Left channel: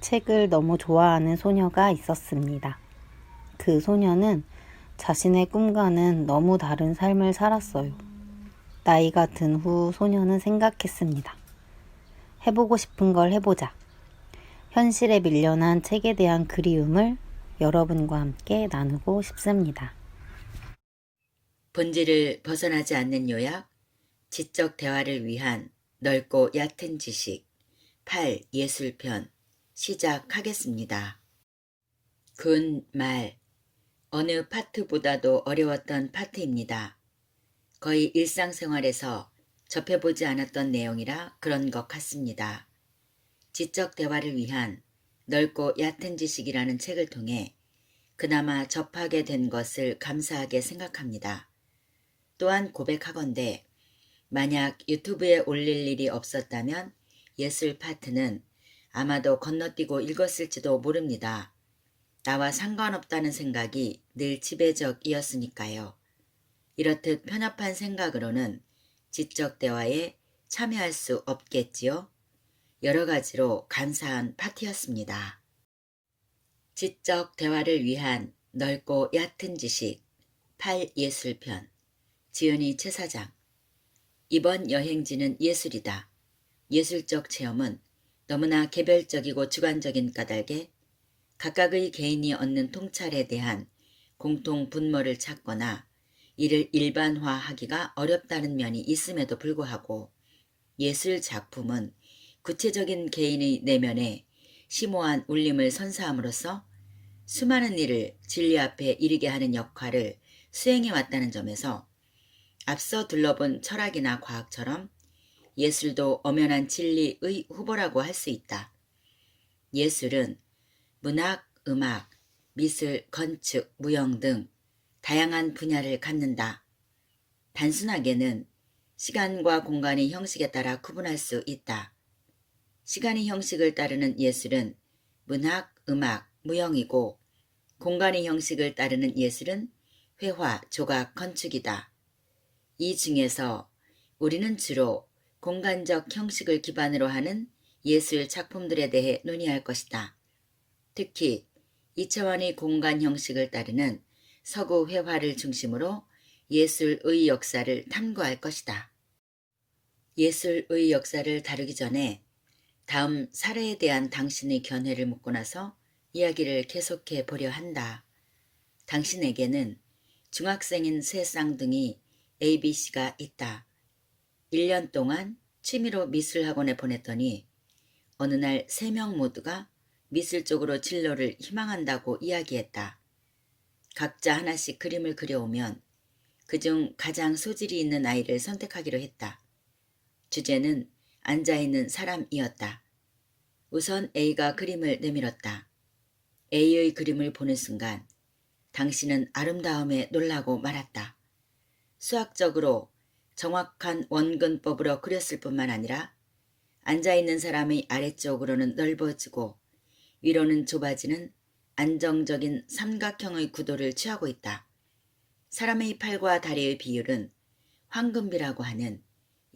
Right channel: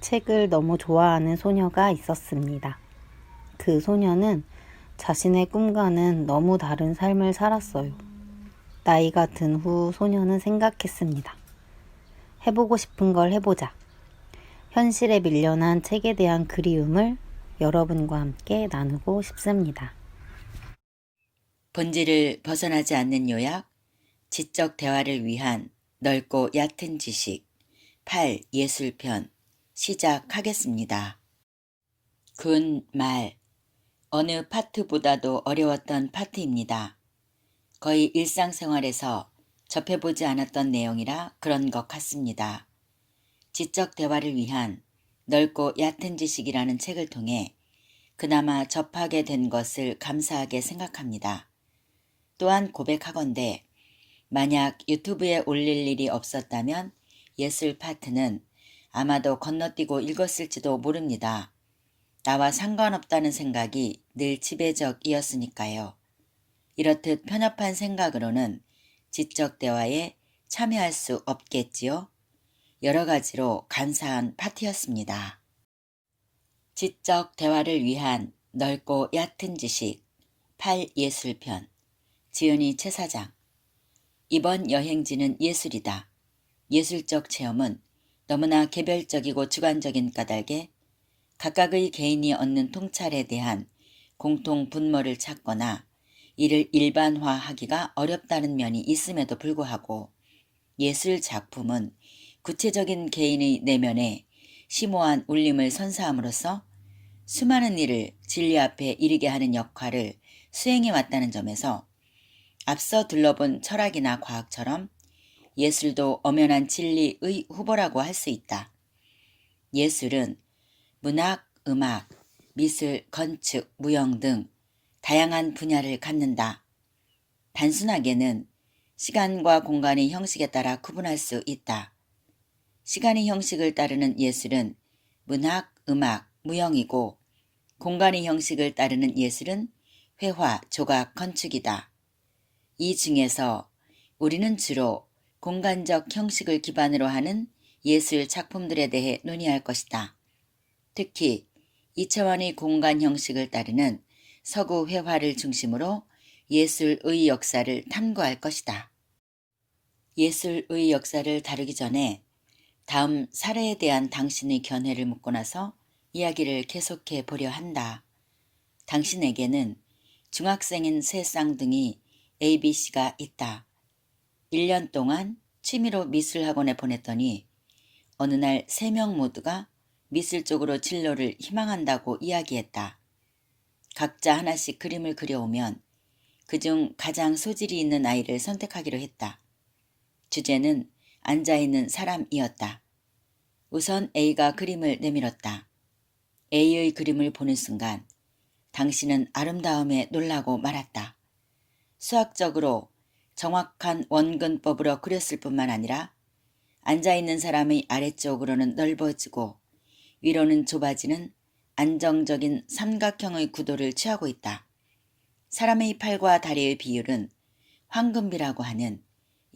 책을 너무 좋아하는 소녀가 있었습니다. 그 소녀는 자신의 꿈과는 너무 다른 삶을 살았어요. 나이가 든 후 소녀는 생각했습니다. 해보고 싶은 걸 해보자. 현실에 밀려난 책에 대한 그리움을 여러분과 함께 나누고 싶습니다. 본질을 벗어나지 않는 요약, 지적 대화를 위한 넓고 얕은 지식, 8 예술편 시작하겠습니다. 군 말, 어느 파트보다도 어려웠던 파트입니다. 거의 일상생활에서 접해보지 않았던 내용이라 그런 것 같습니다. 지적 대화를 위한 넓고 얕은 지식이라는 책을 통해 그나마 접하게 된 것을 감사하게 생각합니다. 또한 고백하건대 만약 유튜브에 올릴 일이 없었다면 예술 파트는 아마도 건너뛰고 읽었을지도 모릅니다. 나와 상관없다는 생각이 늘 지배적이었으니까요. 이렇듯 편협한 생각으로는 지적 대화에 참여할 수 없겠지요. 여러 가지로 감사한 파트였습니다. 지적 대화를 위한 넓고 얕은 지식 8 예술편 지은이 최사장. 이번 여행지는 예술이다. 예술적 체험은 너무나 개별적이고 주관적인 까닭에 각각의 개인이 얻는 통찰에 대한 공통 분모를 찾거나 이를 일반화하기가 어렵다는 면이 있음에도 불구하고 예술 작품은 구체적인 개인의 내면에 심오한 울림을 선사함으로써 수많은 일을 진리 앞에 이르게 하는 역할을 수행해 왔다는 점에서 앞서 둘러본 철학이나 과학처럼 예술도 엄연한 진리의 후보라고 할 수 있다. 예술은 문학, 음악, 미술, 건축, 무용 등 다양한 분야를 갖는다. 단순하게는 시간과 공간의 형식에 따라 구분할 수 있다. 시간의 형식을 따르는 예술은 문학, 음악, 무용이고 공간의 형식을 따르는 예술은 회화, 조각, 건축이다. 이 중에서 우리는 주로 공간적 형식을 기반으로 하는 예술 작품들에 대해 논의할 것이다. 특히 2차원의 공간 형식을 따르는 서구 회화를 중심으로 예술의 역사를 탐구할 것이다. 예술의 역사를 다루기 전에 다음 사례에 대한 당신의 견해를 묻고 나서 이야기를 계속해 보려 한다. 당신에게는 중학생인 세 쌍둥이 ABC가 있다. 1년 동안 취미로 미술학원에 보냈더니 어느 날 3명 모두가 미술 쪽으로 진로를 희망한다고 이야기했다. 각자 하나씩 그림을 그려오면 그중 가장 소질이 있는 아이를 선택하기로 했다. 주제는 앉아있는 사람이었다. 우선 A가 그림을 내밀었다. A의 그림을 보는 순간 당신은 아름다움에 놀라고 말았다. 수학적으로 정확한 원근법으로 그렸을 뿐만 아니라 앉아있는 사람의 아래쪽으로는 넓어지고 위로는 좁아지는 안정적인 삼각형의 구도를 취하고 있다. 사람의 팔과 다리의 비율은 황금비라고 하는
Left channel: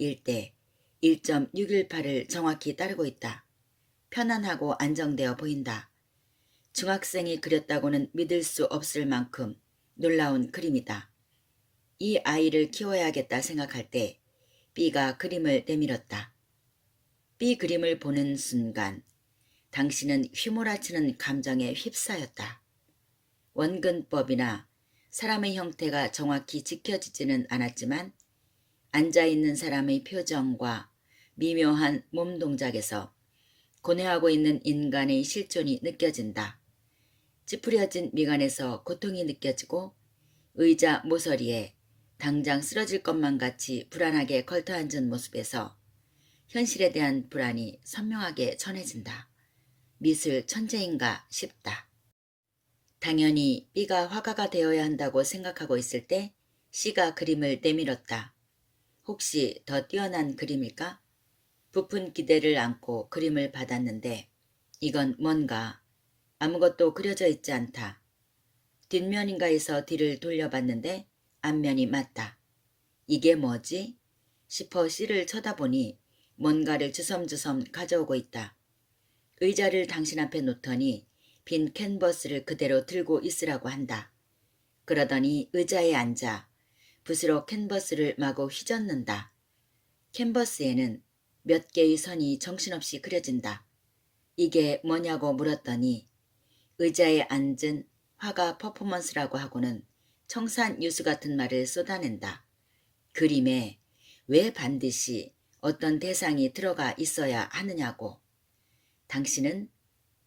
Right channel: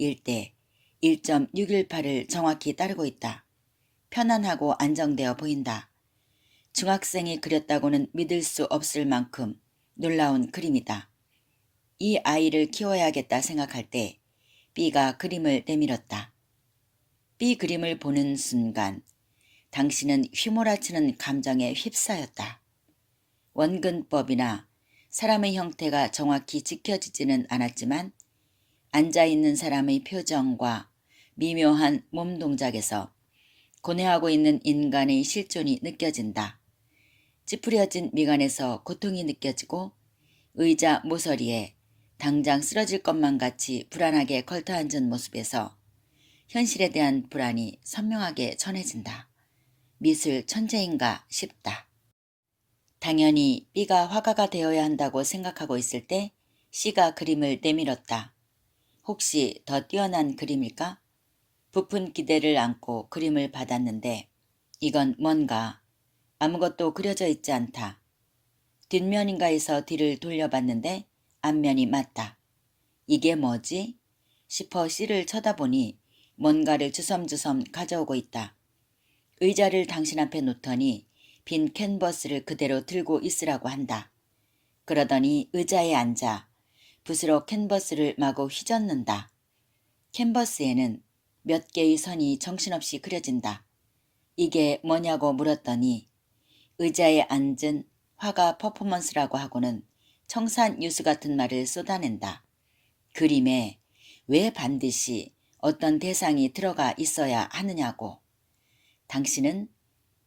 1대 1.618을 정확히 따르고 있다. 편안하고 안정되어 보인다. 중학생이 그렸다고는 믿을 수 없을 만큼 놀라운 그림이다. 이 아이를 키워야겠다 생각할 때 B가 그림을 내밀었다. B 그림을 보는 순간 당신은 휘몰아치는 감정에 휩싸였다. 원근법이나 사람의 형태가 정확히 지켜지지는 않았지만 앉아있는 사람의 표정과 미묘한 몸 동작에서 고뇌하고 있는 인간의 실존이 느껴진다. 찌푸려진 미간에서 고통이 느껴지고 의자 모서리에 당장 쓰러질 것만 같이 불안하게 걸터앉은 모습에서 현실에 대한 불안이 선명하게 전해진다. 미술 천재인가 싶다. 당연히 B가 화가가 되어야 한다고 생각하고 있을 때 C가 그림을 내밀었다. 혹시 더 뛰어난 그림일까? 부푼 기대를 안고 그림을 받았는데 이건 뭔가 아무것도 그려져 있지 않다. 뒷면인가에서 뒤를 돌려봤는데 앞면이 맞다. 이게 뭐지? 싶어 C를 쳐다보니 뭔가를 주섬주섬 가져오고 있다. 의자를 당신 앞에 놓더니 빈 캔버스를 그대로 들고 있으라고 한다. 그러더니 의자에 앉아 붓으로 캔버스를 마구 휘젓는다. 캔버스에는 몇 개의 선이 정신없이 그려진다. 이게 뭐냐고 물었더니 의자에 앉은 화가 퍼포먼스라고 하고는 청산유수 같은 말을 쏟아낸다. 그림에 왜 반드시 어떤 대상이 들어가 있어야 하느냐고. 당신은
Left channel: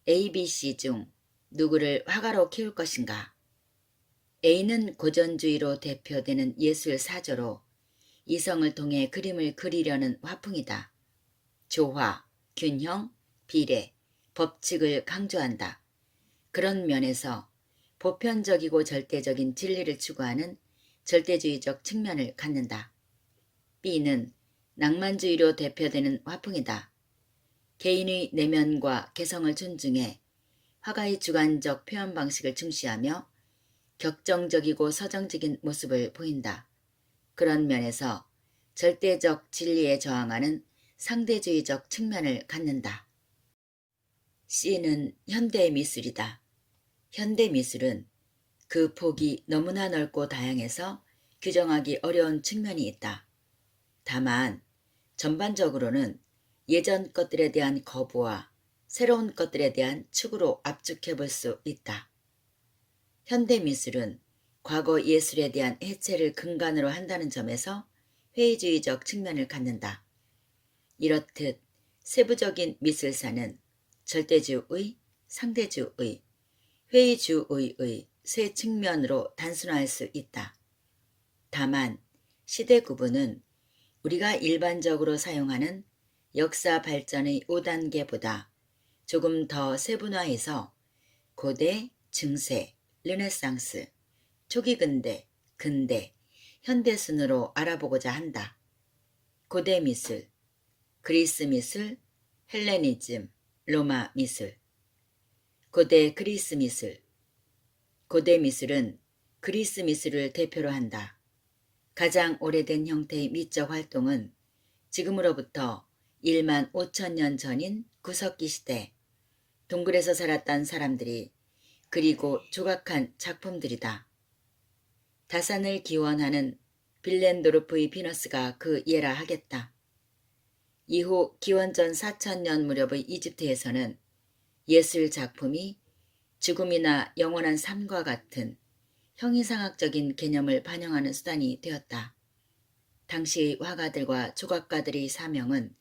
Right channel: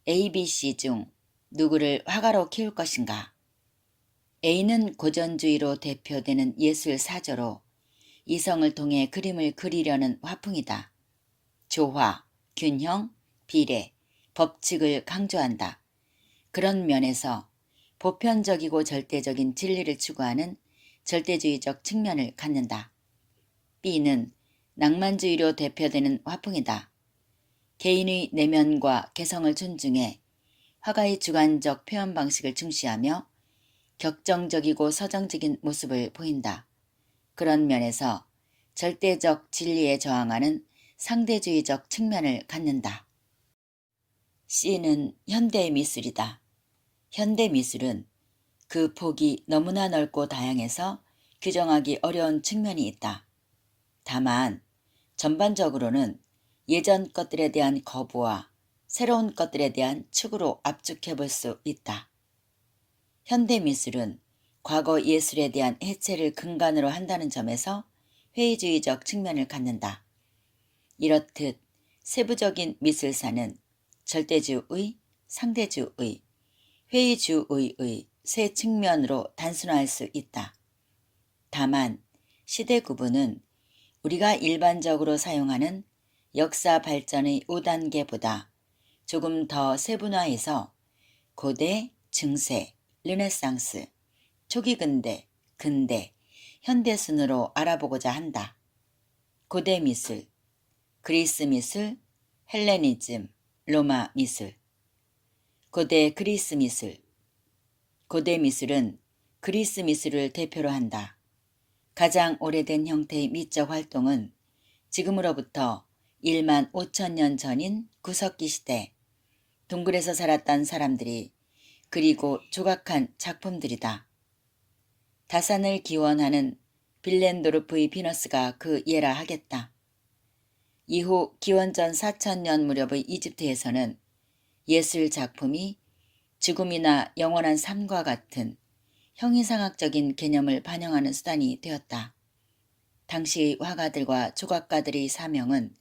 ABC 중 누구를 화가로 키울 것인가? A는 고전주의로 대표되는 예술 사조로 이성을 통해 그림을 그리려는 화풍이다. 조화, 균형, 비례, 법칙을 강조한다. 그런 면에서 보편적이고 절대적인 진리를 추구하는 절대주의적 측면을 갖는다. B는 낭만주의로 대표되는 화풍이다. 개인의 내면과 개성을 존중해 화가의 주관적 표현 방식을 중시하며 격정적이고 서정적인 모습을 보인다. 그런 면에서 절대적 진리에 저항하는 상대주의적 측면을 갖는다. C는 현대미술이다. 현대미술은 그 폭이 너무나 넓고 다양해서 규정하기 어려운 측면이 있다. 다만 전반적으로는 예전 것들에 대한 거부와 새로운 것들에 대한 추구로 압축해 볼 수 있다. 현대미술은 과거 예술에 대한 해체를 근간으로 한다는 점에서 회의주의적 측면을 갖는다. 이렇듯 세부적인 미술사는 절대주의, 상대주의, 회의주의의 세 측면으로 단순화할 수 있다. 다만 시대 구분은 우리가 일반적으로 사용하는 역사 발전의 5단계보다 조금 더 세분화해서 고대, 중세, 르네상스, 초기 근대, 근대, 현대 순으로 알아보고자 한다. 고대 미술, 그리스 미술, 헬레니즘, 로마 미술. 고대 그리스 미술. 고대 미술은 그리스 미술을 대표로 한다. 가장 오래된 형태의 미적 활동은 지금으로부터 1만 5천 년 전인 구석기 시대 동굴에서 살았던 사람들이 그리고 조각한 작품들이다. 다산을 기원하는 빌렌도르프의 비너스가 그 예라 하겠다. 이후 기원전 4천년 무렵의 이집트에서는 예술 작품이 죽음이나 영원한 삶과 같은 형이상학적인 개념을 반영하는 수단이 되었다. 당시의 화가들과 조각가들의 사명은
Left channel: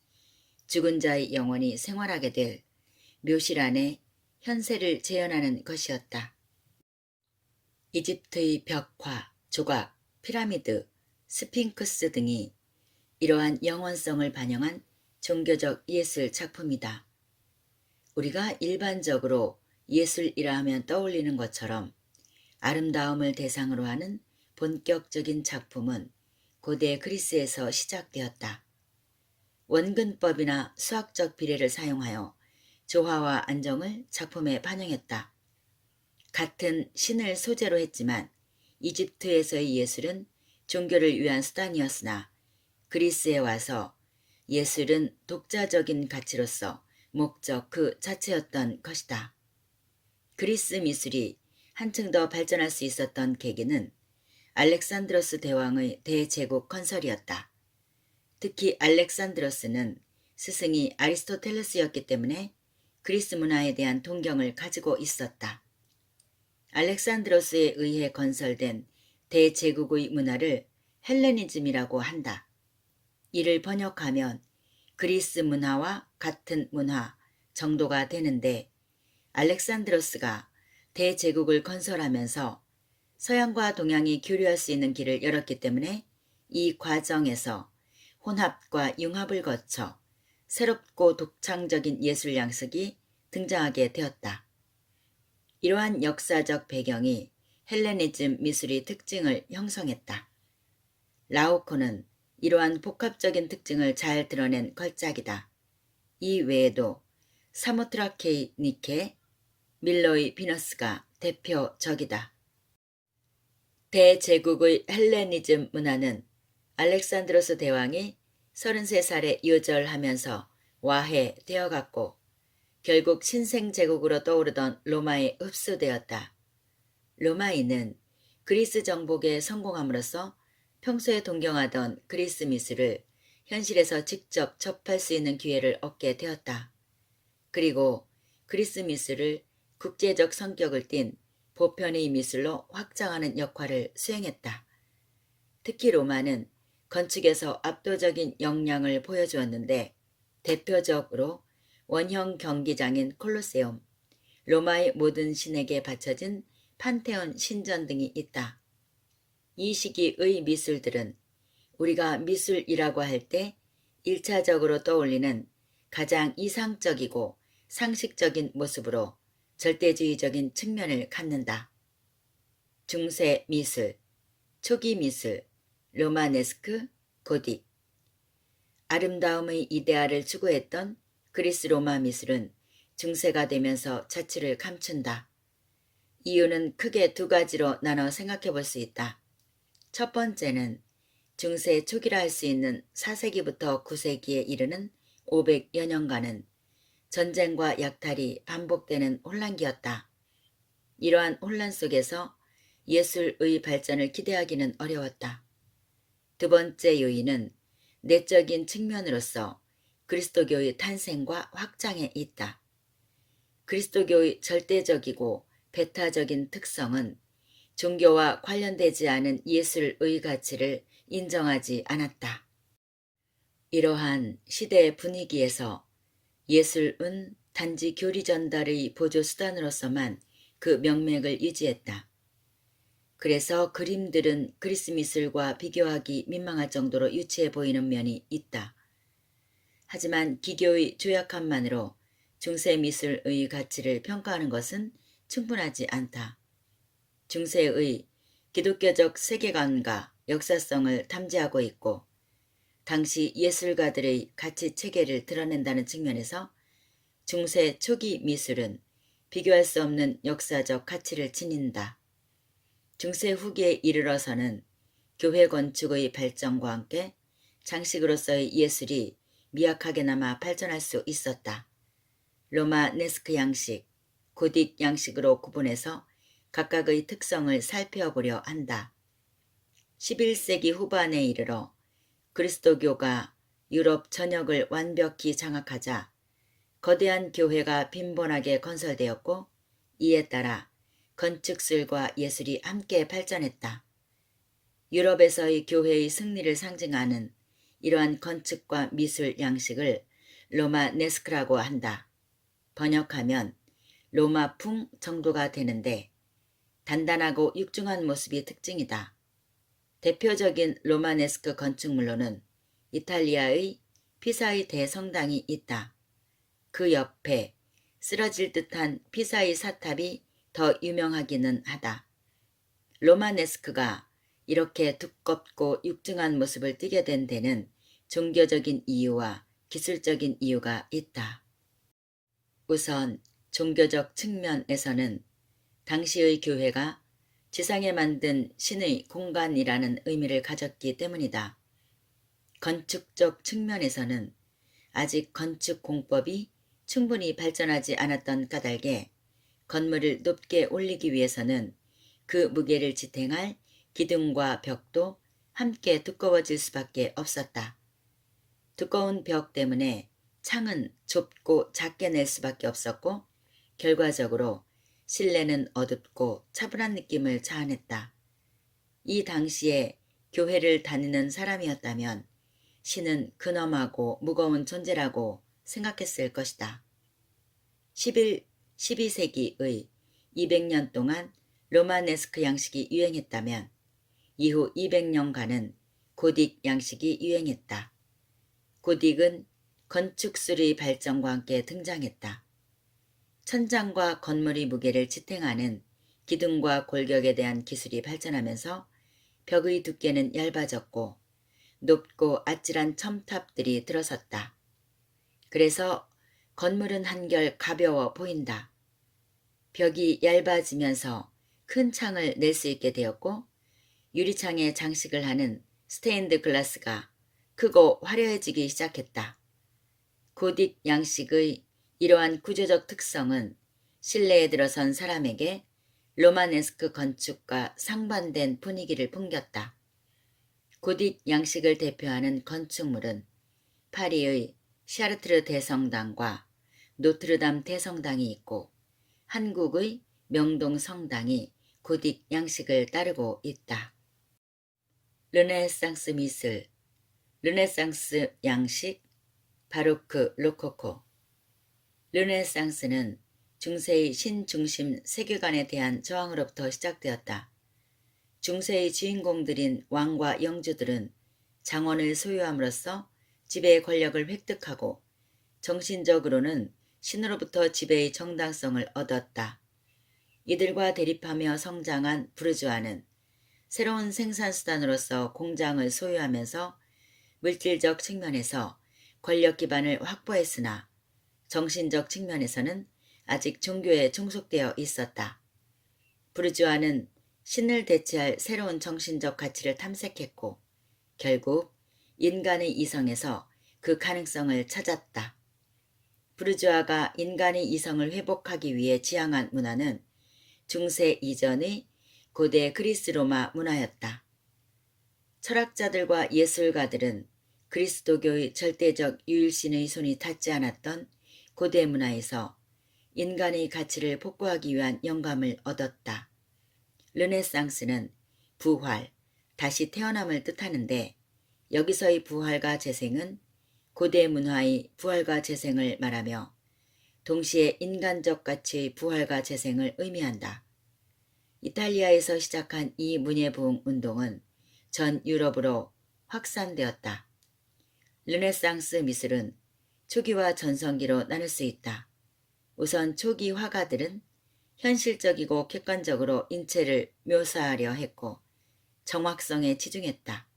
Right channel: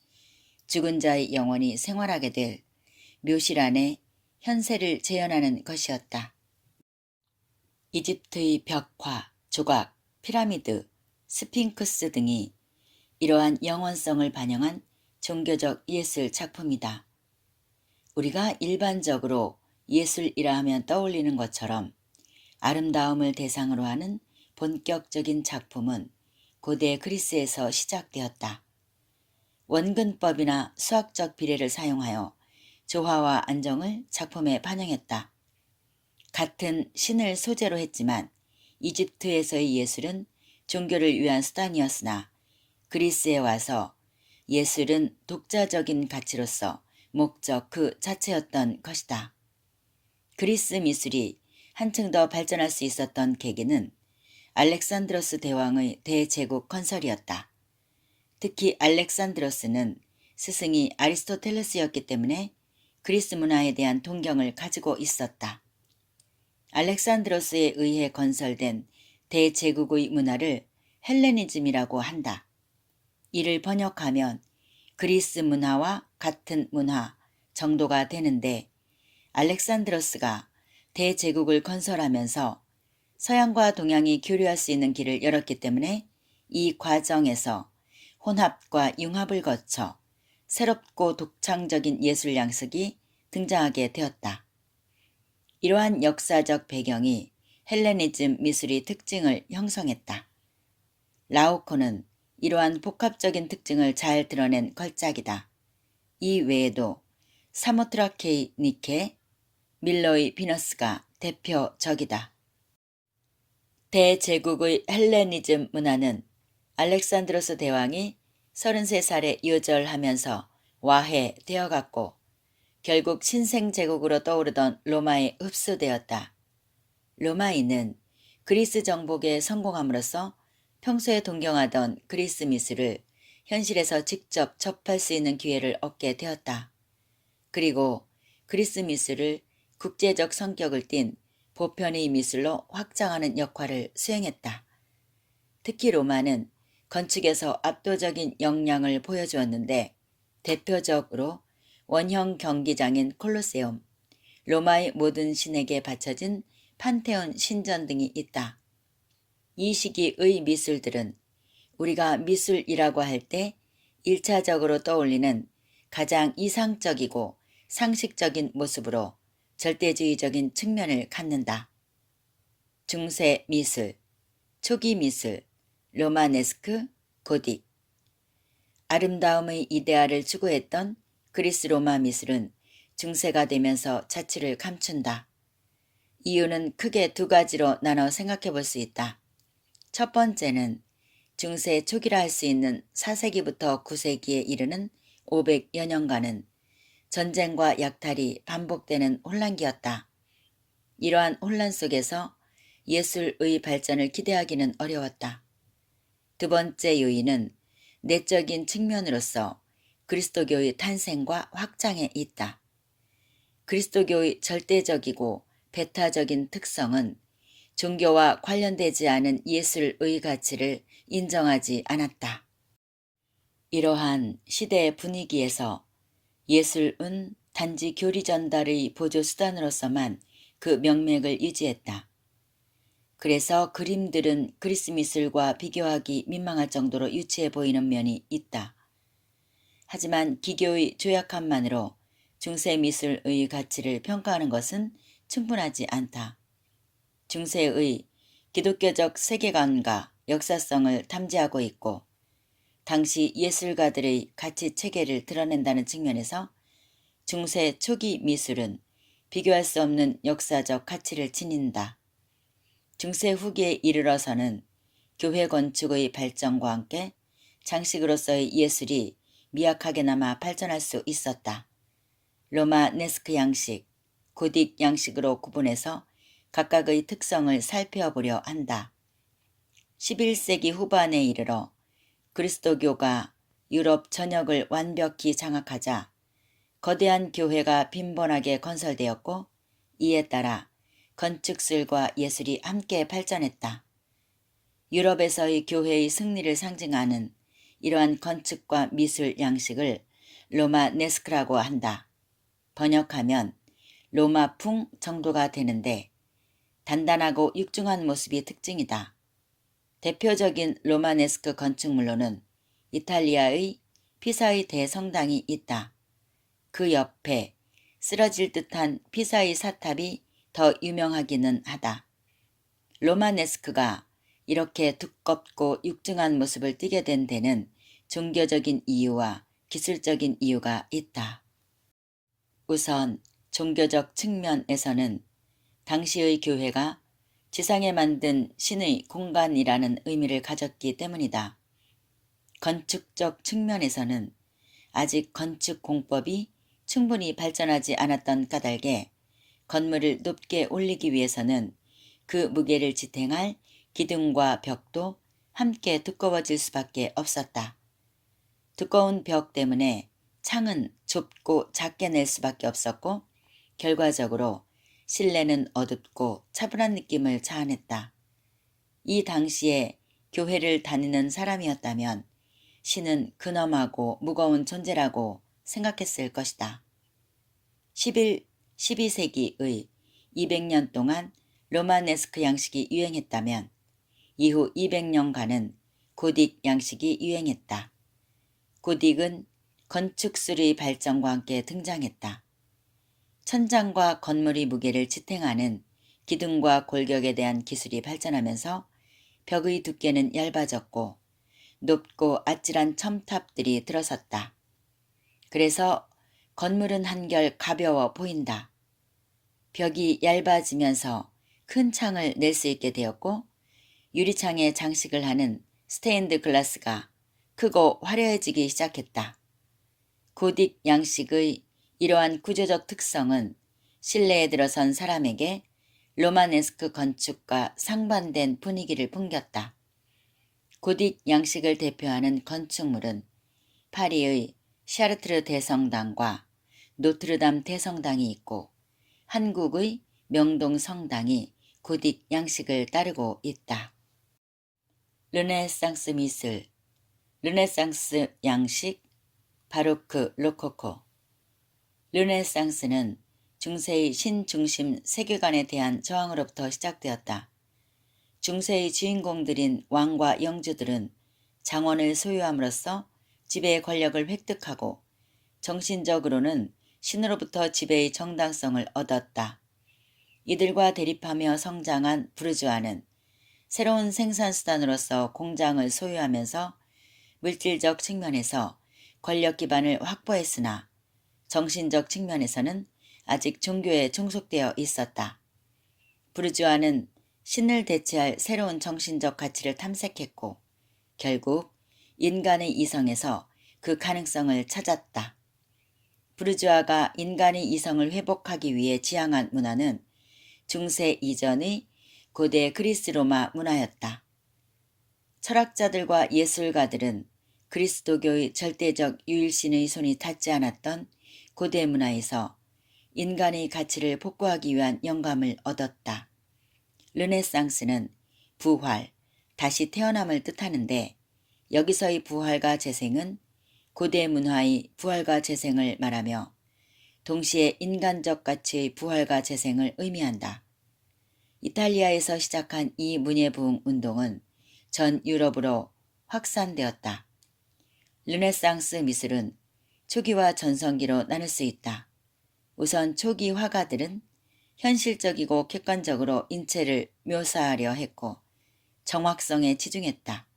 죽은 자의 영혼이 생활하게 될 묘실 안에 현세를 재현하는 것이었다. 이집트의 벽화, 조각, 피라미드, 스핑크스 등이 이러한 영원성을 반영한 종교적 예술 작품이다. 우리가 일반적으로 예술이라 하면 떠올리는 것처럼 아름다움을 대상으로 하는 본격적인 작품은 고대 그리스에서 시작되었다. 원근법이나 수학적 비례를 사용하여 조화와 안정을 작품에 반영했다. 같은 신을 소재로 했지만 이집트에서의 예술은 종교를 위한 수단이었으나 그리스에 와서 예술은 독자적인 가치로서 목적 그 자체였던 것이다. 그리스 미술이 한층 더 발전할 수 있었던 계기는 알렉산드로스 대왕의 대제국 건설이었다. 특히 알렉산드로스는 스승이 아리스토텔레스였기 때문에 그리스 문화에 대한 동경을 가지고 있었다. 알렉산드로스에 의해 건설된 대제국의 문화를 헬레니즘이라고 한다. 이를 번역하면 그리스 문화와 같은 문화 정도가 되는데 알렉산드로스가 대제국을 건설하면서 서양과 동양이 교류할 수 있는 길을 열었기 때문에 이 과정에서 혼합과 융합을 거쳐 새롭고 독창적인 예술 양식이 등장하게 되었다. 이러한 역사적 배경이 헬레니즘 미술의 특징을 형성했다. 라오코는 이러한 복합적인 특징을 잘 드러낸 걸작이다. 이 외에도 사모트라케이 니케, 밀러의 비너스가 대표적이다. 대제국의 헬레니즘 문화는 알렉산드로스 대왕이 33살에 유절하면서 와해되어갔고 결국 신생제국으로 떠오르던 로마에 흡수되었다. 로마인은 그리스 정복에 성공함으로써 평소에 동경하던 그리스 미술을 현실에서 직접 접할 수 있는 기회를 얻게 되었다. 그리고 그리스 미술을 국제적 성격을 띤 보편의 미술로 확장하는 역할을 수행했다. 특히 로마는 건축에서 압도적인 역량을 보여주었는데 대표적으로 원형 경기장인 콜로세움, 로마의 모든 신에게 바쳐진 판테온 신전 등이 있다. 이 시기의 미술들은 우리가 미술이라고 할 때 1차적으로 떠올리는 가장 이상적이고 상식적인 모습으로 절대주의적인 측면을 갖는다. 중세 미술, 초기 미술, 로마네스크, 고딕. 아름다움의 이데아를 추구했던 그리스 로마 미술은 중세가 되면서 자취를 감춘다. 이유는 크게 두 가지로 나눠 생각해 볼 수 있다. 첫 번째는 중세 초기라 할 수 있는 4세기부터 9세기에 이르는 500여 년간은 전쟁과 약탈이 반복되는 혼란기였다. 이러한 혼란 속에서 예술의 발전을 기대하기는 어려웠다. 두 번째 요인은 내적인 측면으로서 그리스도교의 탄생과 확장에 있다. 그리스도교의 절대적이고 배타적인 특성은 종교와 관련되지 않은 예술의 가치를 인정하지 않았다. 이러한 시대의 분위기에서 예술은 단지 교리 전달의 보조 수단으로서만 그 명맥을 유지했다. 그래서 그림들은 그리스 미술과 비교하기 민망할 정도로 유치해 보이는 면이 있다. 하지만 기교의 조약함만으로 중세 미술의 가치를 평가하는 것은 충분하지 않다. 중세의 기독교적 세계관과 역사성을 탐지하고 있고 당시 예술가들의 가치 체계를 드러낸다는 측면에서 중세 초기 미술은 비교할 수 없는 역사적 가치를 지닌다. 중세 후기에 이르러서는 교회 건축의 발전과 함께 장식으로서의 예술이 미약하게나마 발전할 수 있었다. 로마네스크 양식, 고딕 양식으로 구분해서 각각의 특성을 살펴보려 한다. 11세기 후반에 이르러 그리스도교가 유럽 전역을 완벽히 장악하자 거대한 교회가 빈번하게 건설되었고 이에 따라 건축술과 예술이 함께 발전했다. 유럽에서의 교회의 승리를 상징하는 이러한 건축과 미술 양식을 로마네스크라고 한다. 번역하면 로마풍 정도가 되는데 단단하고 육중한 모습이 특징이다. 대표적인 로마네스크 건축물로는 이탈리아의 피사의 대성당이 있다. 그 옆에 쓰러질 듯한 피사의 사탑이 더 유명하기는 하다. 로마네스크가 이렇게 두껍고 육중한 모습을 띠게 된 데는 종교적인 이유와 기술적인 이유가 있다. 우선 종교적 측면에서는 당시의 교회가 지상에 만든 신의 공간이라는 의미를 가졌기 때문이다. 건축적 측면에서는 아직 건축 공법이 충분히 발전하지 않았던 까닭에 건물을 높게 올리기 위해서는 그 무게를 지탱할 기둥과 벽도 함께 두꺼워질 수밖에 없었다. 두꺼운 벽 때문에 창은 좁고 작게 낼 수밖에 없었고 결과적으로 실내는 어둡고 차분한 느낌을 자아냈다. 이 당시에 교회를 다니는 사람이었다면 신은 근엄하고 무거운 존재라고 생각했을 것이다. 12세기의 200년 동안 로마네스크 양식이 유행했다면 이후 200년간은 고딕 양식이 유행했다. 고딕은 건축술의 발전과 함께 등장했다. 천장과 건물의 무게를 지탱하는 기둥과 골격에 대한 기술이 발전하면서 벽의 두께는 얇아졌고 높고 아찔한 첨탑들이 들어섰다. 그래서 건물은 한결 가벼워 보인다. 벽이 얇아지면서 큰 창을 낼 수 있게 되었고 유리창에 장식을 하는 스테인드 글라스가 크고 화려해지기 시작했다. 고딕 양식의 이러한 구조적 특성은 실내에 들어선 사람에게 로마네스크 건축과 상반된 분위기를 풍겼다. 고딕 양식을 대표하는 건축물은 파리의 샤르트르 대성당과 노트르담 대성당이 있고 한국의 명동 성당이 고딕 양식을 따르고 있다. 르네상스 미술, 르네상스 양식, 바로크 로코코. 르네상스는 중세의 신중심 세계관에 대한 저항으로부터 시작되었다. 중세의 주인공들인 왕과 영주들은 장원을 소유함으로써 지배의 권력을 획득하고 정신적으로는 신으로부터 지배의 정당성을 얻었다. 이들과 대립하며 성장한 부르주아는 새로운 생산수단으로서 공장을 소유하면서 물질적 측면에서 권력 기반을 확보했으나 정신적 측면에서는 아직 종교에 종속되어 있었다. 부르주아는 신을 대체할 새로운 정신적 가치를 탐색했고 결국 인간의 이성에서 그 가능성을 찾았다. 부르주아가 인간의 이성을 회복하기 위해 지향한 문화는 중세 이전의 고대 그리스 로마 문화였다. 철학자들과 예술가들은 그리스도교의 절대적 유일신의 손이 닿지 않았던 고대 문화에서 인간의 가치를 복구하기 위한 영감을 얻었다. 르네상스는 부활, 다시 태어남을 뜻하는데 여기서의 부활과 재생은 고대 문화의 부활과 재생을 말하며 동시에 인간적 가치의 부활과 재생을 의미한다. 이탈리아에서 시작한 이 문예부흥 운동은 전 유럽으로 확산되었다. 르네상스 미술은 초기와 전성기로 나눌 수 있다. 우선 초기 화가들은 현실적이고 객관적으로 인체를 묘사하려 했고 정확성에 치중했다.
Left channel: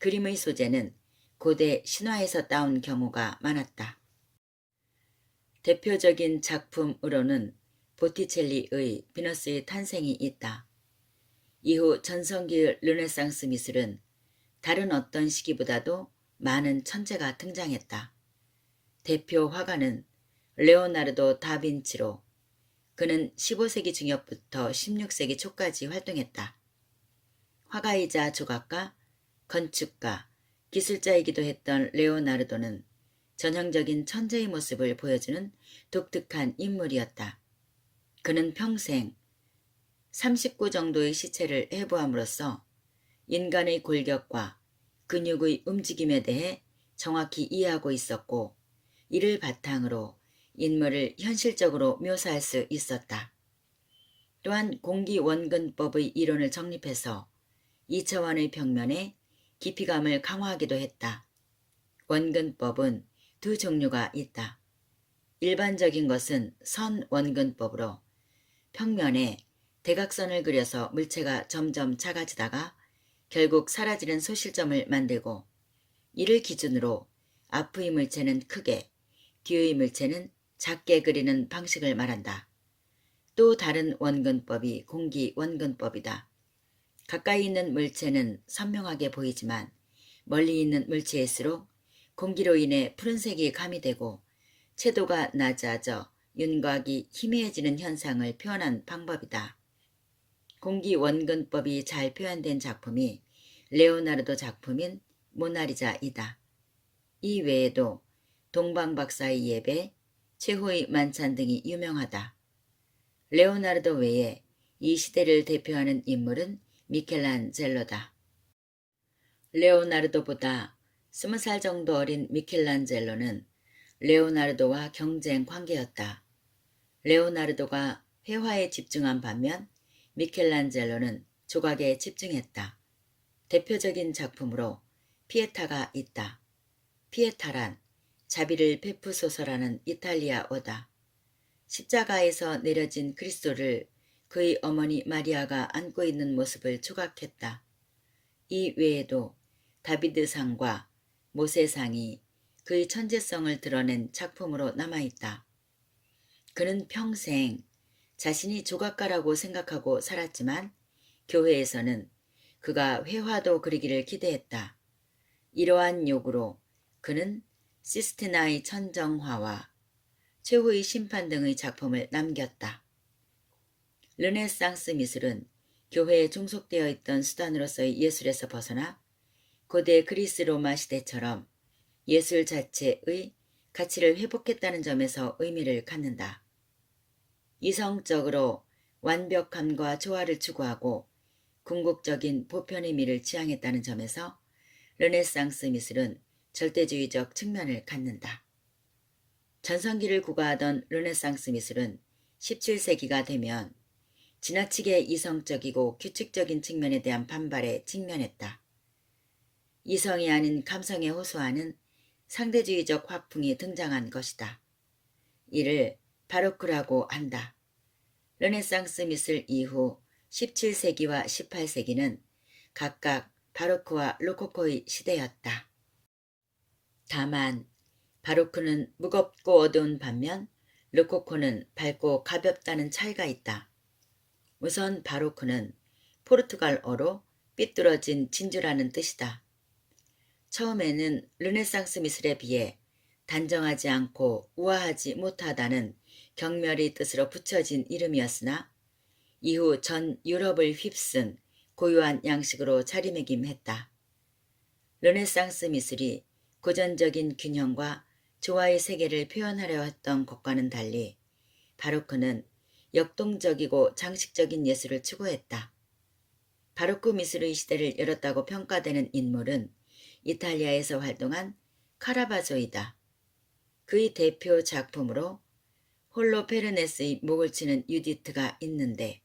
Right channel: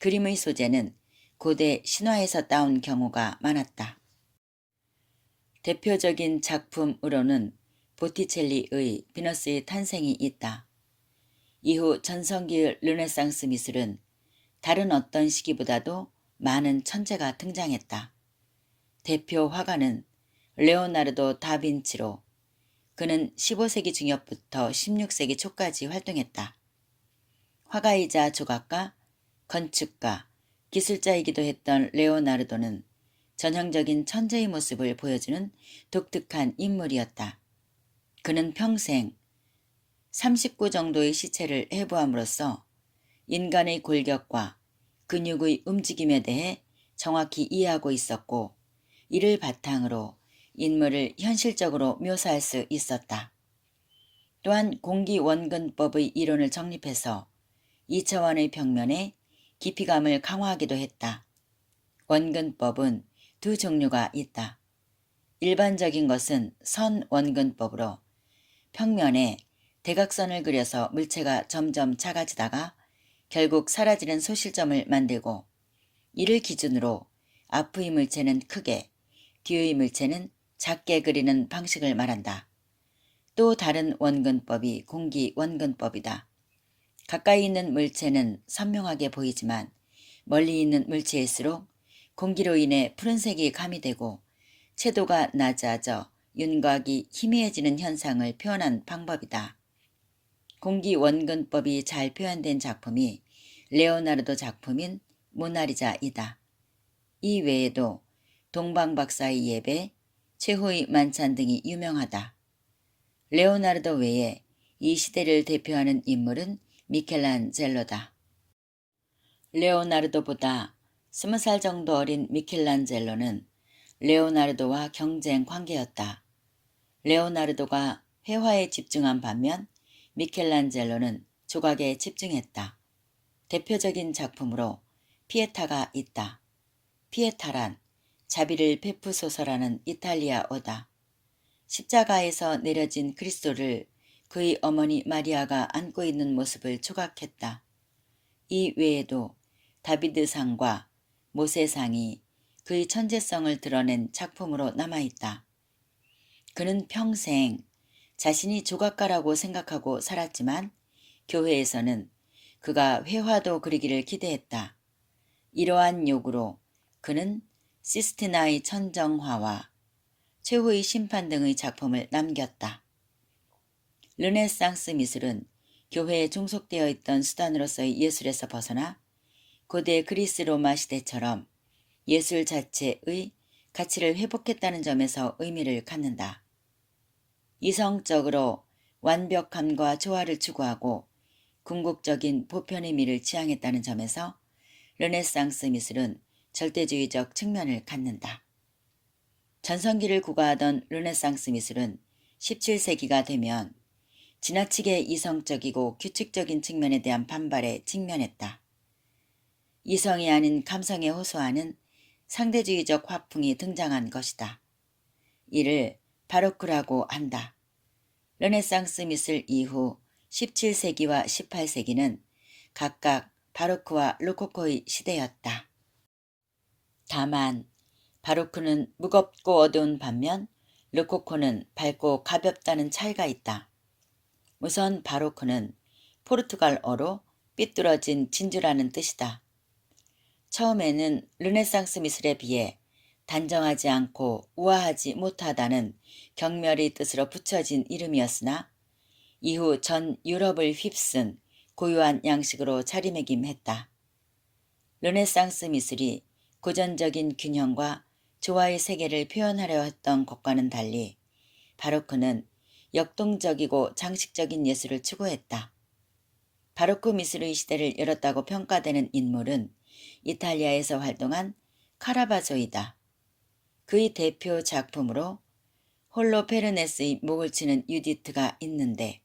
그림의 소재는 고대 신화에서 따온 경우가 많았다. 대표적인 작품으로는 보티첼리의 비너스의 탄생이 있다. 이후 전성기 르네상스 미술은 다른 어떤 시기보다도 많은 천재가 등장했다. 대표 화가는 레오나르도 다빈치로 그는 15세기 중엽부터 16세기 초까지 활동했다. 화가이자 조각가, 건축가, 기술자이기도 했던 레오나르도는 전형적인 천재의 모습을 보여주는 독특한 인물이었다. 그는 평생 39 정도의 시체를 해부함으로써 인간의 골격과 근육의 움직임에 대해 정확히 이해하고 있었고 이를 바탕으로 인물을 현실적으로 묘사할 수 있었다. 또한 공기원근법의 이론을 정립해서 2차원의 평면에 깊이감을 강화하기도 했다. 원근법은 두 종류가 있다. 일반적인 것은 선원근법으로 평면에 대각선을 그려서 물체가 점점 작아지다가 결국 사라지는 소실점을 만들고 이를 기준으로 앞의 물체는 크게, 뒤의 물체는 작게 그리는 방식을 말한다. 또 다른 원근법이 공기원근법이다. 가까이 있는 물체는 선명하게 보이지만 멀리 있는 물체일수록 공기로 인해 푸른색이 가미되고 채도가 낮아져 윤곽이 희미해지는 현상을 표현한 방법이다. 공기원근법이 잘 표현된 작품이 레오나르도 작품인 모나리자이다. 이 외에도 동방박사의 예배, 최후의 만찬 등이 유명하다. 레오나르도 외에 이 시대를 대표하는 인물은 미켈란젤로다. 레오나르도보다 20살 정도 어린 미켈란젤로는 레오나르도와 경쟁 관계였다. 레오나르도가 회화에 집중한 반면 미켈란젤로는 조각에 집중했다. 대표적인 작품으로 피에타가 있다. 피에타란 자비를 베푸소서라는 이탈리아어다. 십자가에서 내려진 그리스도를 그의 어머니 마리아가 안고 있는 모습을 조각했다. 이 외에도 다비드상과 모세상이 그의 천재성을 드러낸 작품으로 남아있다. 그는 평생 자신이 조각가라고 생각하고 살았지만 교회에서는 그가 회화도 그리기를 기대했다. 이러한 요구로 그는 시스티나의 천정화와 최후의 심판 등의 작품을 남겼다. 르네상스 미술은 교회에 종속되어 있던 수단으로서의 예술에서 벗어나 고대 그리스 로마 시대처럼 예술 자체의 가치를 회복했다는 점에서 의미를 갖는다. 이성적으로 완벽함과 조화를 추구하고 궁극적인 보편의 미를 지향했다는 점에서 르네상스 미술은 절대주의적 측면을 갖는다. 전성기를 구가하던 르네상스 미술은 17세기가 되면 지나치게 이성적이고 규칙적인 측면에 대한 반발에 직면했다. 이성이 아닌 감성에 호소하는 상대주의적 화풍이 등장한 것이다. 이를 바로크라고 한다. 르네상스 미술 이후 17세기와 18세기는 각각 바로크와 로코코의 시대였다. 다만 바로크는 무겁고 어두운 반면 로코코는 밝고 가볍다는 차이가 있다. 우선 바로크는 포르투갈어로 삐뚤어진 진주라는 뜻이다. 처음에는 르네상스 미술에 비해 단정하지 않고 우아하지 못하다는 경멸의 뜻으로 붙여진 이름이었으나 이후 전 유럽을 휩쓴 고유한 양식으로 자리매김했다. 르네상스 미술이 고전적인 균형과 조화의 세계를 표현하려 했던 것과는 달리 바로크는 역동적이고 장식적인 예술을 추구했다. 바로크 미술의 시대를 열었다고 평가되는 인물은 이탈리아에서 활동한 카라바조이다. 그의 대표 작품으로 홀로페르네스의 목을 치는 유디트가 있는데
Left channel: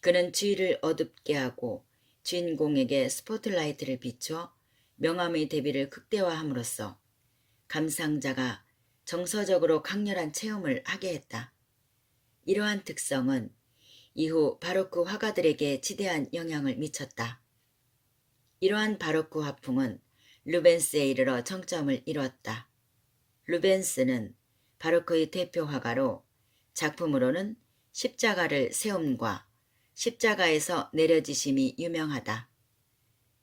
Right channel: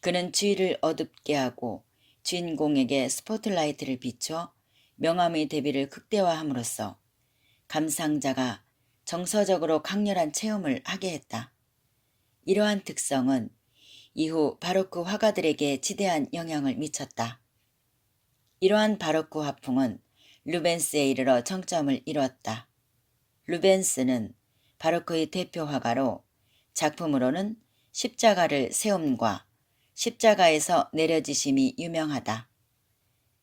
그는 주위를 어둡게 하고 주인공에게 스포트라이트를 비춰 명암의 대비를 극대화함으로써 감상자가 정서적으로 강렬한 체험을 하게 했다. 이러한 특성은 이후 바로크 화가들에게 지대한 영향을 미쳤다. 이러한 바로크 화풍은 루벤스에 이르러 정점을 이뤘다. 루벤스는 바로크의 대표 화가로 작품으로는 십자가를 세움과 십자가에서 내려지심이 유명하다.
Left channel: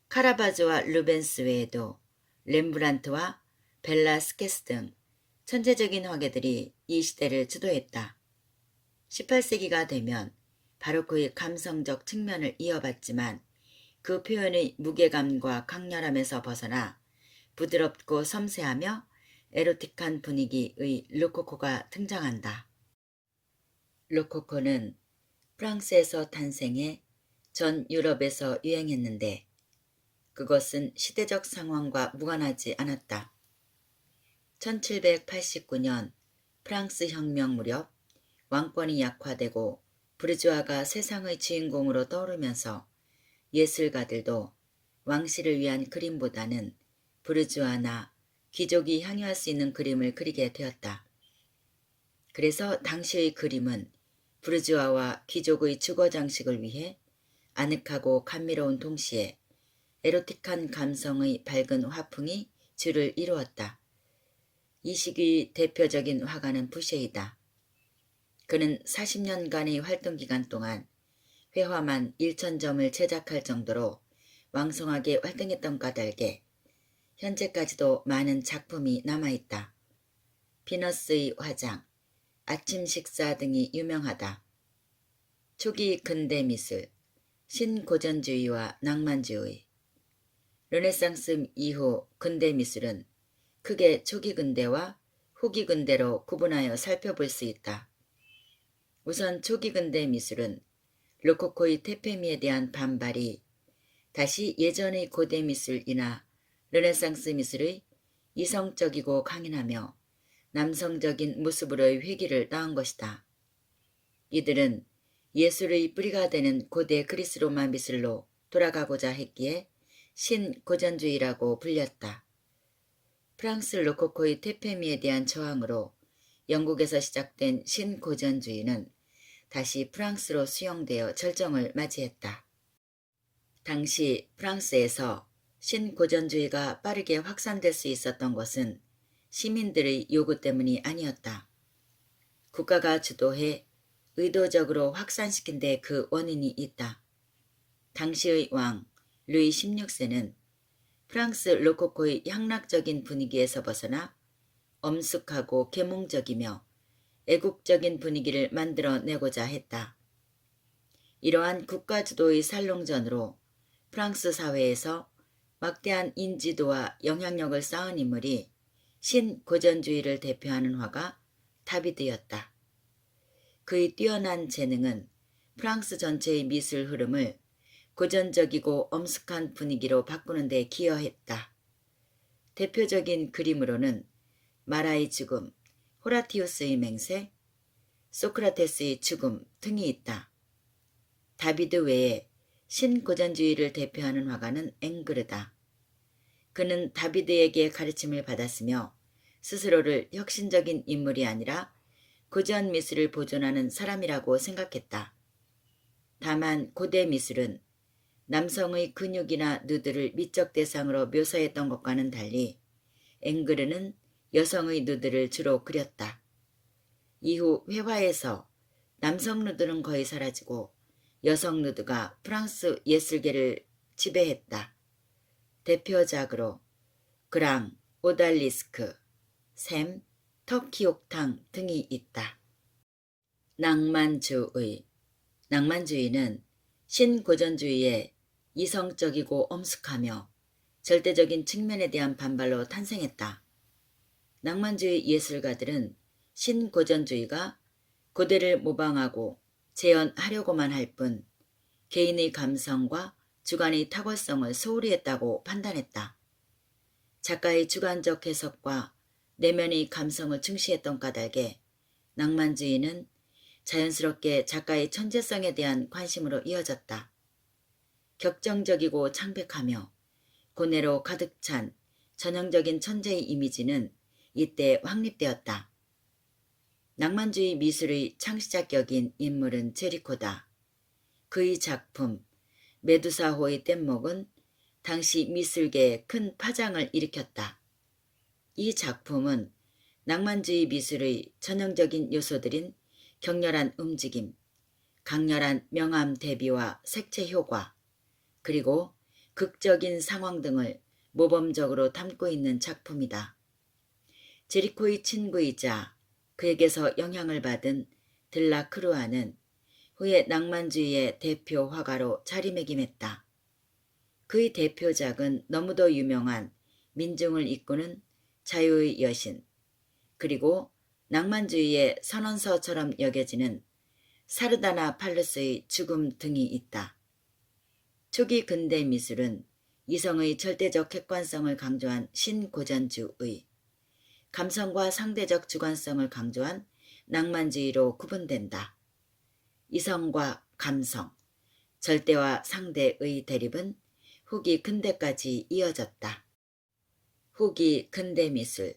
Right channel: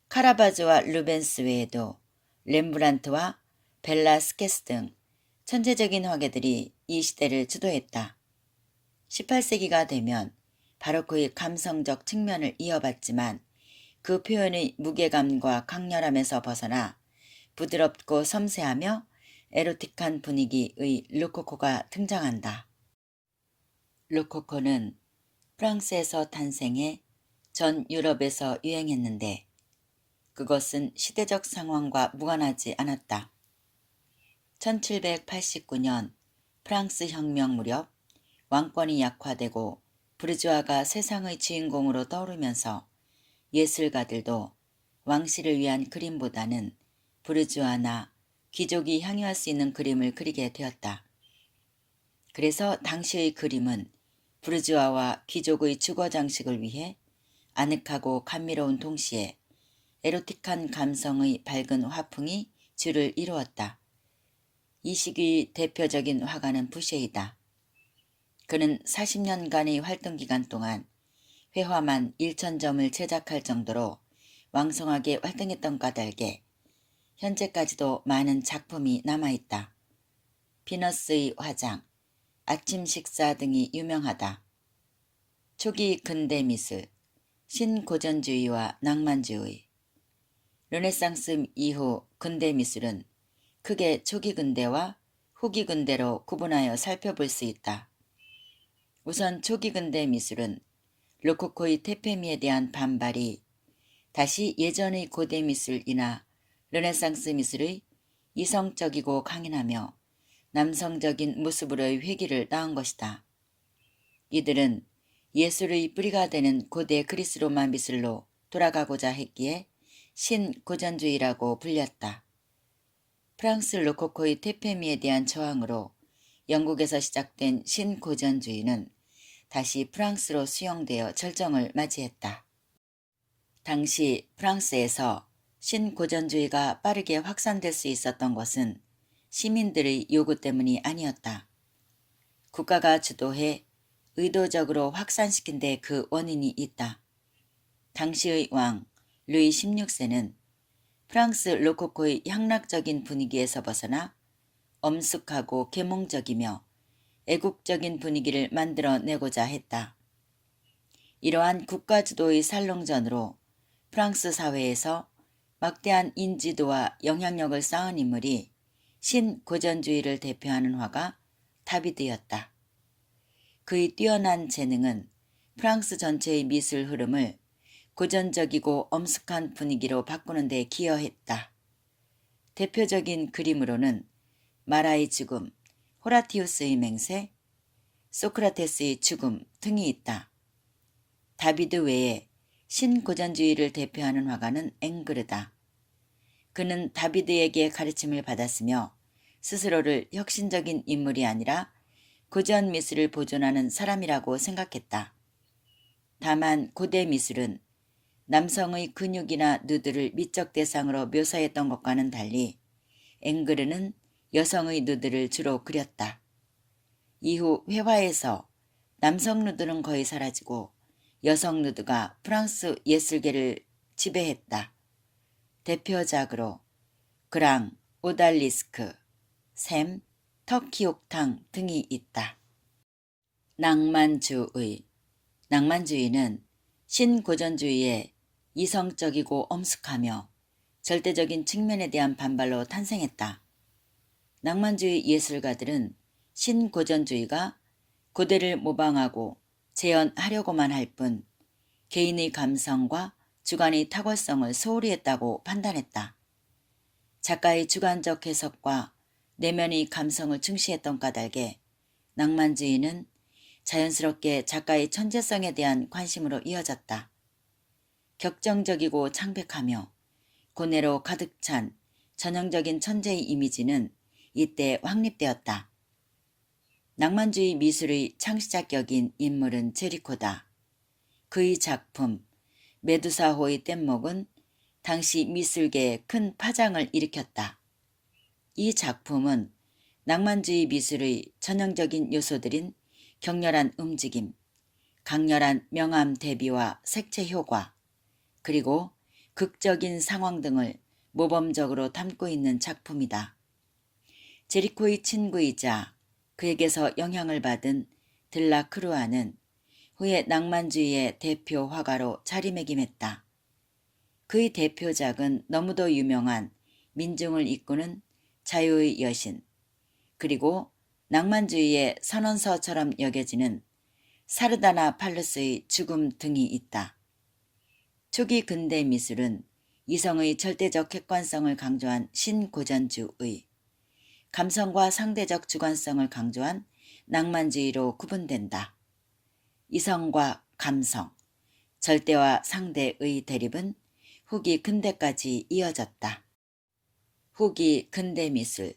카라바조와 루벤스 외에도 렘브란트와 벨라스케스 등 천재적인 화가들이 이 시대를 주도했다. 18세기가 되면 바로크의 감성적 측면을 이어받지만 그 표현의 무게감과 강렬함에서 벗어나 부드럽고 섬세하며 에로틱한 분위기의 로코코가 등장한다. 로코코는 프랑스에서 탄생해 전 유럽에서 유행했는데 그것은 시대적 상황과 무관하지 않았다. 1789년 프랑스 혁명 무렵 왕권이 약화되고 부르주아가 세상의 주인공으로 떠오르면서 예술가들도 왕실을 위한 그림보다는 부르주아나 귀족이 향유할 수 있는 그림을 그리게 되었다. 그래서 당시의 그림은 부르주아와 귀족의 주거 장식을 위해 아늑하고 감미로운 동시에 에로틱한 감성의 밝은 화풍이 주를 이루었다. 이 시기의 대표적인 화가는 부셰이다. 그는 40년간의 활동 기간 동안 회화만 1000점을 제작할 정도로 왕성하게 활동했던 까닭에 현재까지도 많은 작품이 남아있다. 비너스의 화장, 아침 식사 등이 유명하다. 초기 근대 미술, 신고전주의와 낭만주의. 르네상스 이후 근대 미술은 크게 초기 근대와 후기 근대로 구분하여 살펴볼 수 있다. 우선 초기 근대 미술은 로코코의 테페미에 대한 반발이 다시 예전의 고대 미술이나 르네상스 미술의 이성적이고 강인하며 남성적인 모습으로의 회귀를 낳은 것이다. 이들은 예술의 뿌리가 되는 고대 그리스 로마 미술로 돌아가고자 했기에 신고전주의라고 불렸다. 프랑스 로코코의 테페미에 대한 저항으로 영국에서 시작된 신고전주의는 다시 프랑스로 수용되어 절정을 맞이했다. 당시 프랑스에서 신고전주의가 빠르게 확산될 수 있었던 것은 시민들의 요구 때문이 아니었다. 국가가 주도해 의도적으로 확산시킨 데 그 원인이 있다. 당시의 왕 루이 16세는 프랑스 로코코의 향락적인 분위기에서 벗어나 엄숙하고 계몽적이며 애국적인 분위기를 만들어내고자 했다. 이러한 국가주도의 살롱전으로 프랑스 사회에서 막대한 인지도와 영향력을 쌓은 인물이 신고전주의를 대표하는 화가 다비드였다. 그의 뛰어난 재능은 프랑스 전체의 미술 흐름을 고전적이고 엄숙한 분위기로 바꾸는 데 기여했다. 대표적인 그림으로는 마라의 죽음, 호라티우스의 맹세, 소크라테스의 죽음 등이 있다. 다비드 외에 신고전주의를 대표하는 화가는 앵그르다. 그는 다비드에게 가르침을 받았으며 스스로를 혁신적인 인물이 아니라 고전 미술을 보존하는 사람이라고 생각했다. 다만 고대 미술은 남성의 근육이나 누드를 미적 대상으로 묘사했던 것과는 달리 앵그르는 여성의 누드를 주로 그렸다. 이후 회화에서 남성 누드는 거의 사라지고 여성 누드가 프랑스 예술계를 지배했다. 대표작으로 그랑, 오달리스크, 샘, 터키옥탕 등이 있다. 낭만주의는 신고전주의의 이성적이고 엄숙하며 절대적인 측면에 대한 반발로 탄생했다. 낭만주의 예술가들은 신고전주의가 고대를 모방하고 재현하려고만 할 뿐 개인의 감성과 주관의 탁월성을 소홀히 했다고 판단했다. 작가의 주관적 해석과 내면의 감성을 중시했던 까닭에 낭만주의는 자연스럽게 작가의 천재성에 대한 관심으로 이어졌다. 격정적이고 창백하며 고뇌로 가득 찬 전형적인 천재의 이미지는 이때 확립되었다. 낭만주의 미술의 창시자격인 인물은 제리코다. 그의 작품 메두사호의 뗏목은 당시 미술계에 큰 파장을 일으켰다. 이 작품은 낭만주의 미술의 전형적인 요소들인 격렬한 움직임, 강렬한 명암 대비와 색채 효과, 그리고 극적인 상황 등을 모범적으로 담고 있는 작품이다. 제리코의 친구이자 그에게서 영향을 받은 들라크루아는 후에 낭만주의의 대표 화가로 자리매김했다. 그의 대표작은 너무도 유명한 민중을 이끄는 자유의 여신, 그리고 낭만주의의 선언서처럼 여겨지는 사르다나 팔루스의 죽음 등이 있다. 초기 근대 미술은 이성의 절대적 객관성을 강조한 신고전주의, 감성과 상대적 주관성을 강조한 낭만주의로 구분된다. 이성과 감성, 절대와 상대의 대립은 후기 근대까지 이어졌다. 후기 근대 미술,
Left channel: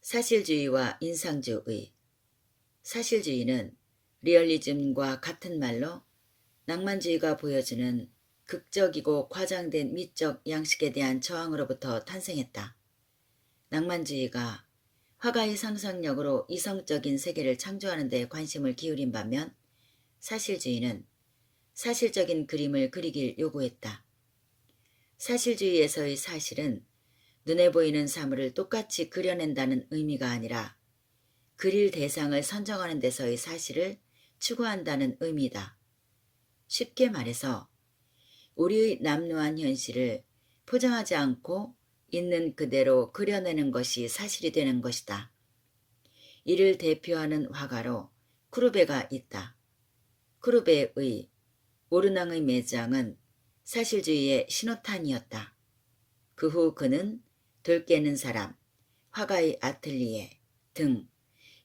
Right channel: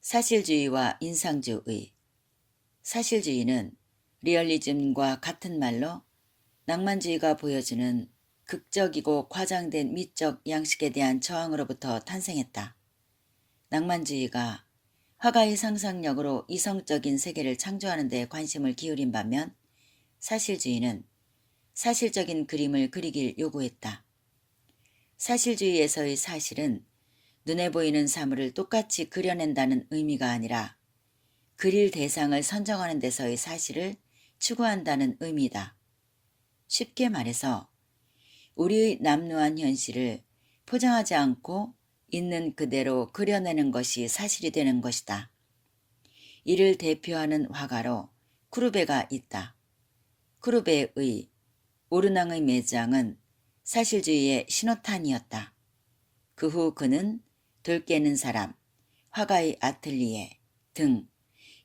사실주의와 인상주의. 사실주의는 리얼리즘과 같은 말로 낭만주의가 보여주는 극적이고 과장된 미적 양식에 대한 저항으로부터 탄생했다. 낭만주의가 화가의 상상력으로 이성적인 세계를 창조하는 데 관심을 기울인 반면 사실주의는 사실적인 그림을 그리길 요구했다. 사실주의에서의 사실은 눈에 보이는 사물을 똑같이 그려낸다는 의미가 아니라 그릴 대상을 선정하는 데서의 사실을 추구한다는 의미다. 쉽게 말해서 우리의 남루한 현실을 포장하지 않고 있는 그대로 그려내는 것이 사실이 되는 것이다. 이를 대표하는 화가로 쿠르베가 있다. 쿠르베의 오르낭의 매장은 사실주의의 신호탄이었다. 그 후 그는 돌 깨는 사람, 화가의 아틀리에 등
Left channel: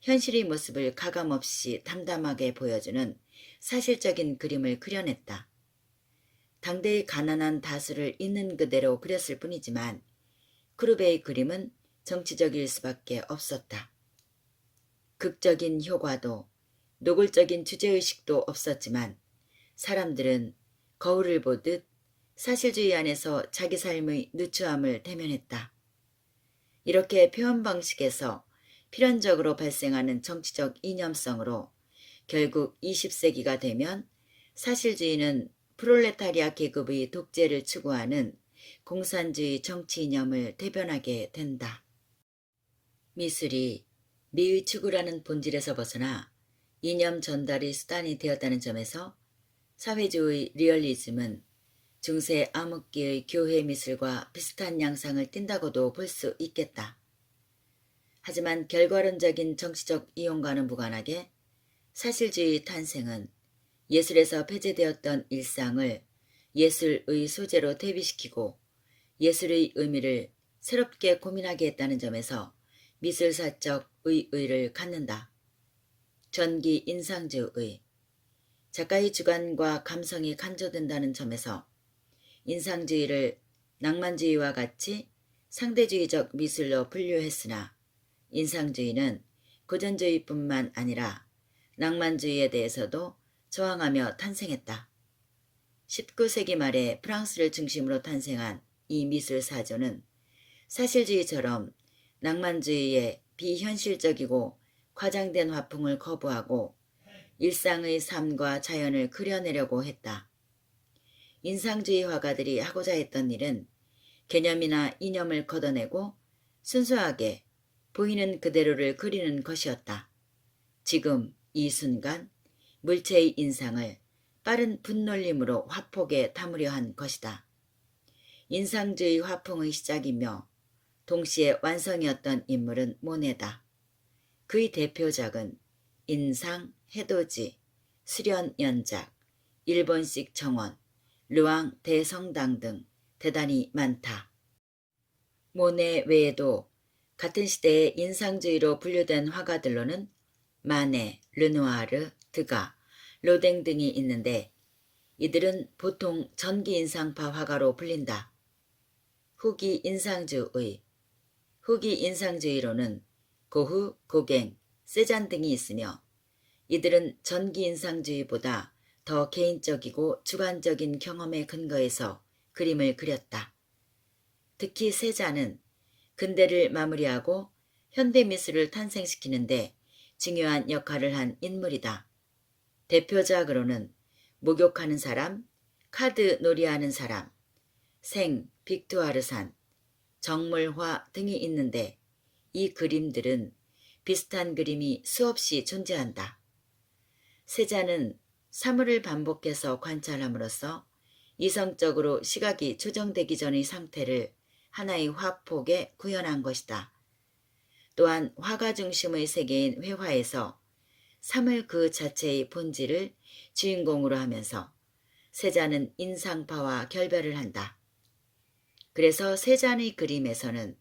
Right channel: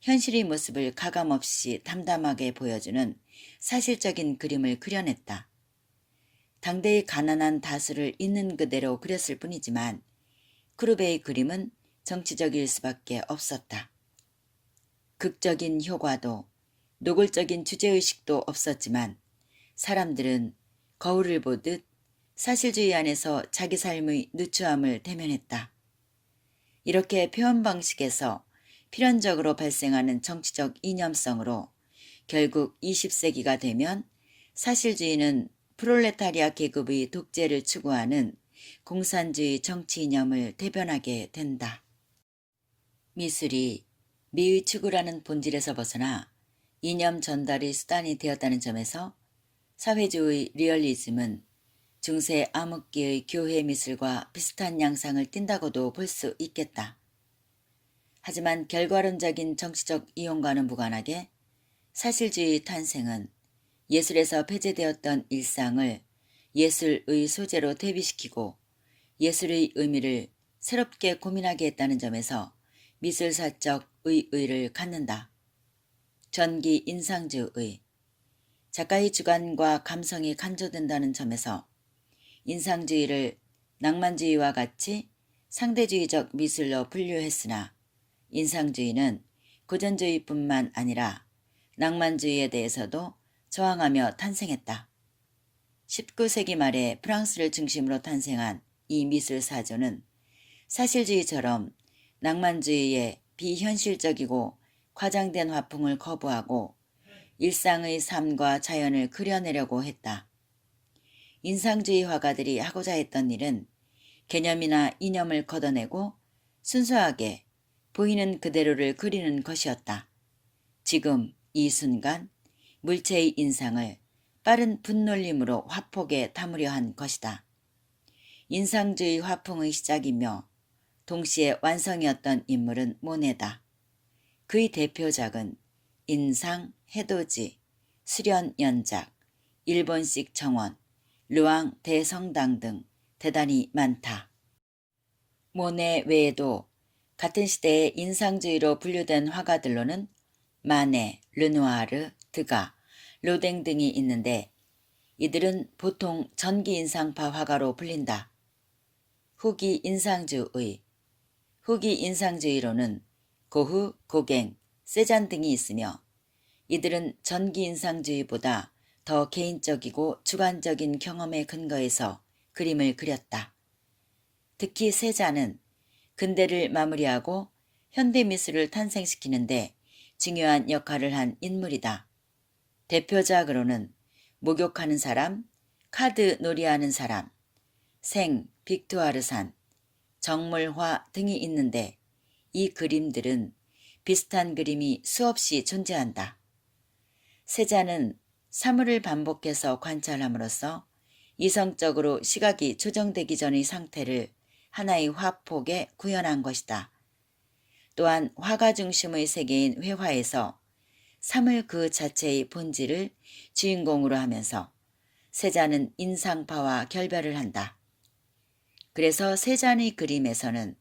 현실의 모습을 가감없이 담담하게 보여주는 사실적인 그림을 그려냈다. 당대의 가난한 다수를 있는 그대로 그렸을 뿐이지만 쿠르베의 그림은 정치적일 수밖에 없었다. 극적인 효과도 노골적인 주제의식도 없었지만 사람들은 거울을 보듯 사실주의 안에서 자기 삶의 누추함을 대면했다. 이렇게 표현 방식에서 필연적으로 발생하는 정치적 이념성으로 결국 20세기가 되면 사실주의는 프롤레타리아 계급의 독재를 추구하는 공산주의 정치 이념을 대변하게 된다. 미술이 미의 추구라는 본질에서 벗어나 이념 전달의 수단이 되었다는 점에서 사회주의 리얼리즘은 중세 암흑기의 교회 미술과 비슷한 양상을 띈다고도 볼 수 있겠다. 하지만 결과론적인 정치적 이용과는 무관하게 사실주의 탄생은 예술에서 폐쇄되었던 일상을 예술의 소재로 대비시키고 예술의 의미를 새롭게 고민하게 했다는 점에서 미술사적 의의를 갖는다. 전기 인상주의, 작가의 주관과 감성이 간조된다는 점에서 인상주의를 낭만주의와 같이 상대주의적 미술로 분류했으나 인상주의는 고전주의뿐만 아니라 낭만주의에 대해서도 저항하며 탄생했다. 19세기 말에 프랑스를 중심으로 탄생한 이 미술 사조는 사실주의처럼 낭만주의의 비현실적이고 과장된 화풍을 거부하고 일상의 삶과 자연을 그려내려고 했다. 인상주의 화가들이 하고자 했던 일은 개념이나 이념을 걷어내고 순수하게 보이는 그대로를 그리는 것이었다. 지금 이 순간 물체의 인상을 빠른 분놀림으로 화폭에 담으려 한 것이다. 인상주의 화풍의 시작이며 동시에 완성이었던 인물은 모네다. 그의 대표작은 인상, 해돋이, 수련연작, 일본식 정원, 르왕 대성당 등 대단히 많다. 모네 외에도 같은 시대에 인상주의로 분류된 화가들로는 마네, 르누아르, 드가, 로댕 등이 있는데 이들은 보통 전기인상파 화가로 불린다. 후기 인상주의로는 고흐, 고갱, 세잔 등이 있으며 이들은 전기인상주의보다 더 개인적이고 주관적인 경험에 근거해서 그림을 그렸다. 특히 세잔은 근대를 마무리하고 현대미술을 탄생시키는데 중요한 역할을 한 인물이다. 대표작으로는 목욕하는 사람, 카드 놀이하는 사람, 생, 빅투아르산, 정물화 등이 있는데 이 그림들은 비슷한 그림이 수없이 존재한다. 세자는 사물을 반복해서 관찰함으로써 이성적으로 시각이 조정되기 전의 상태를 하나의 화폭에 구현한 것이다. 또한 화가 중심의 세계인 회화에서 사물 그 자체의 본질을 주인공으로 하면서 세자는 인상파와 결별을 한다. 그래서 세잔의 그림에서는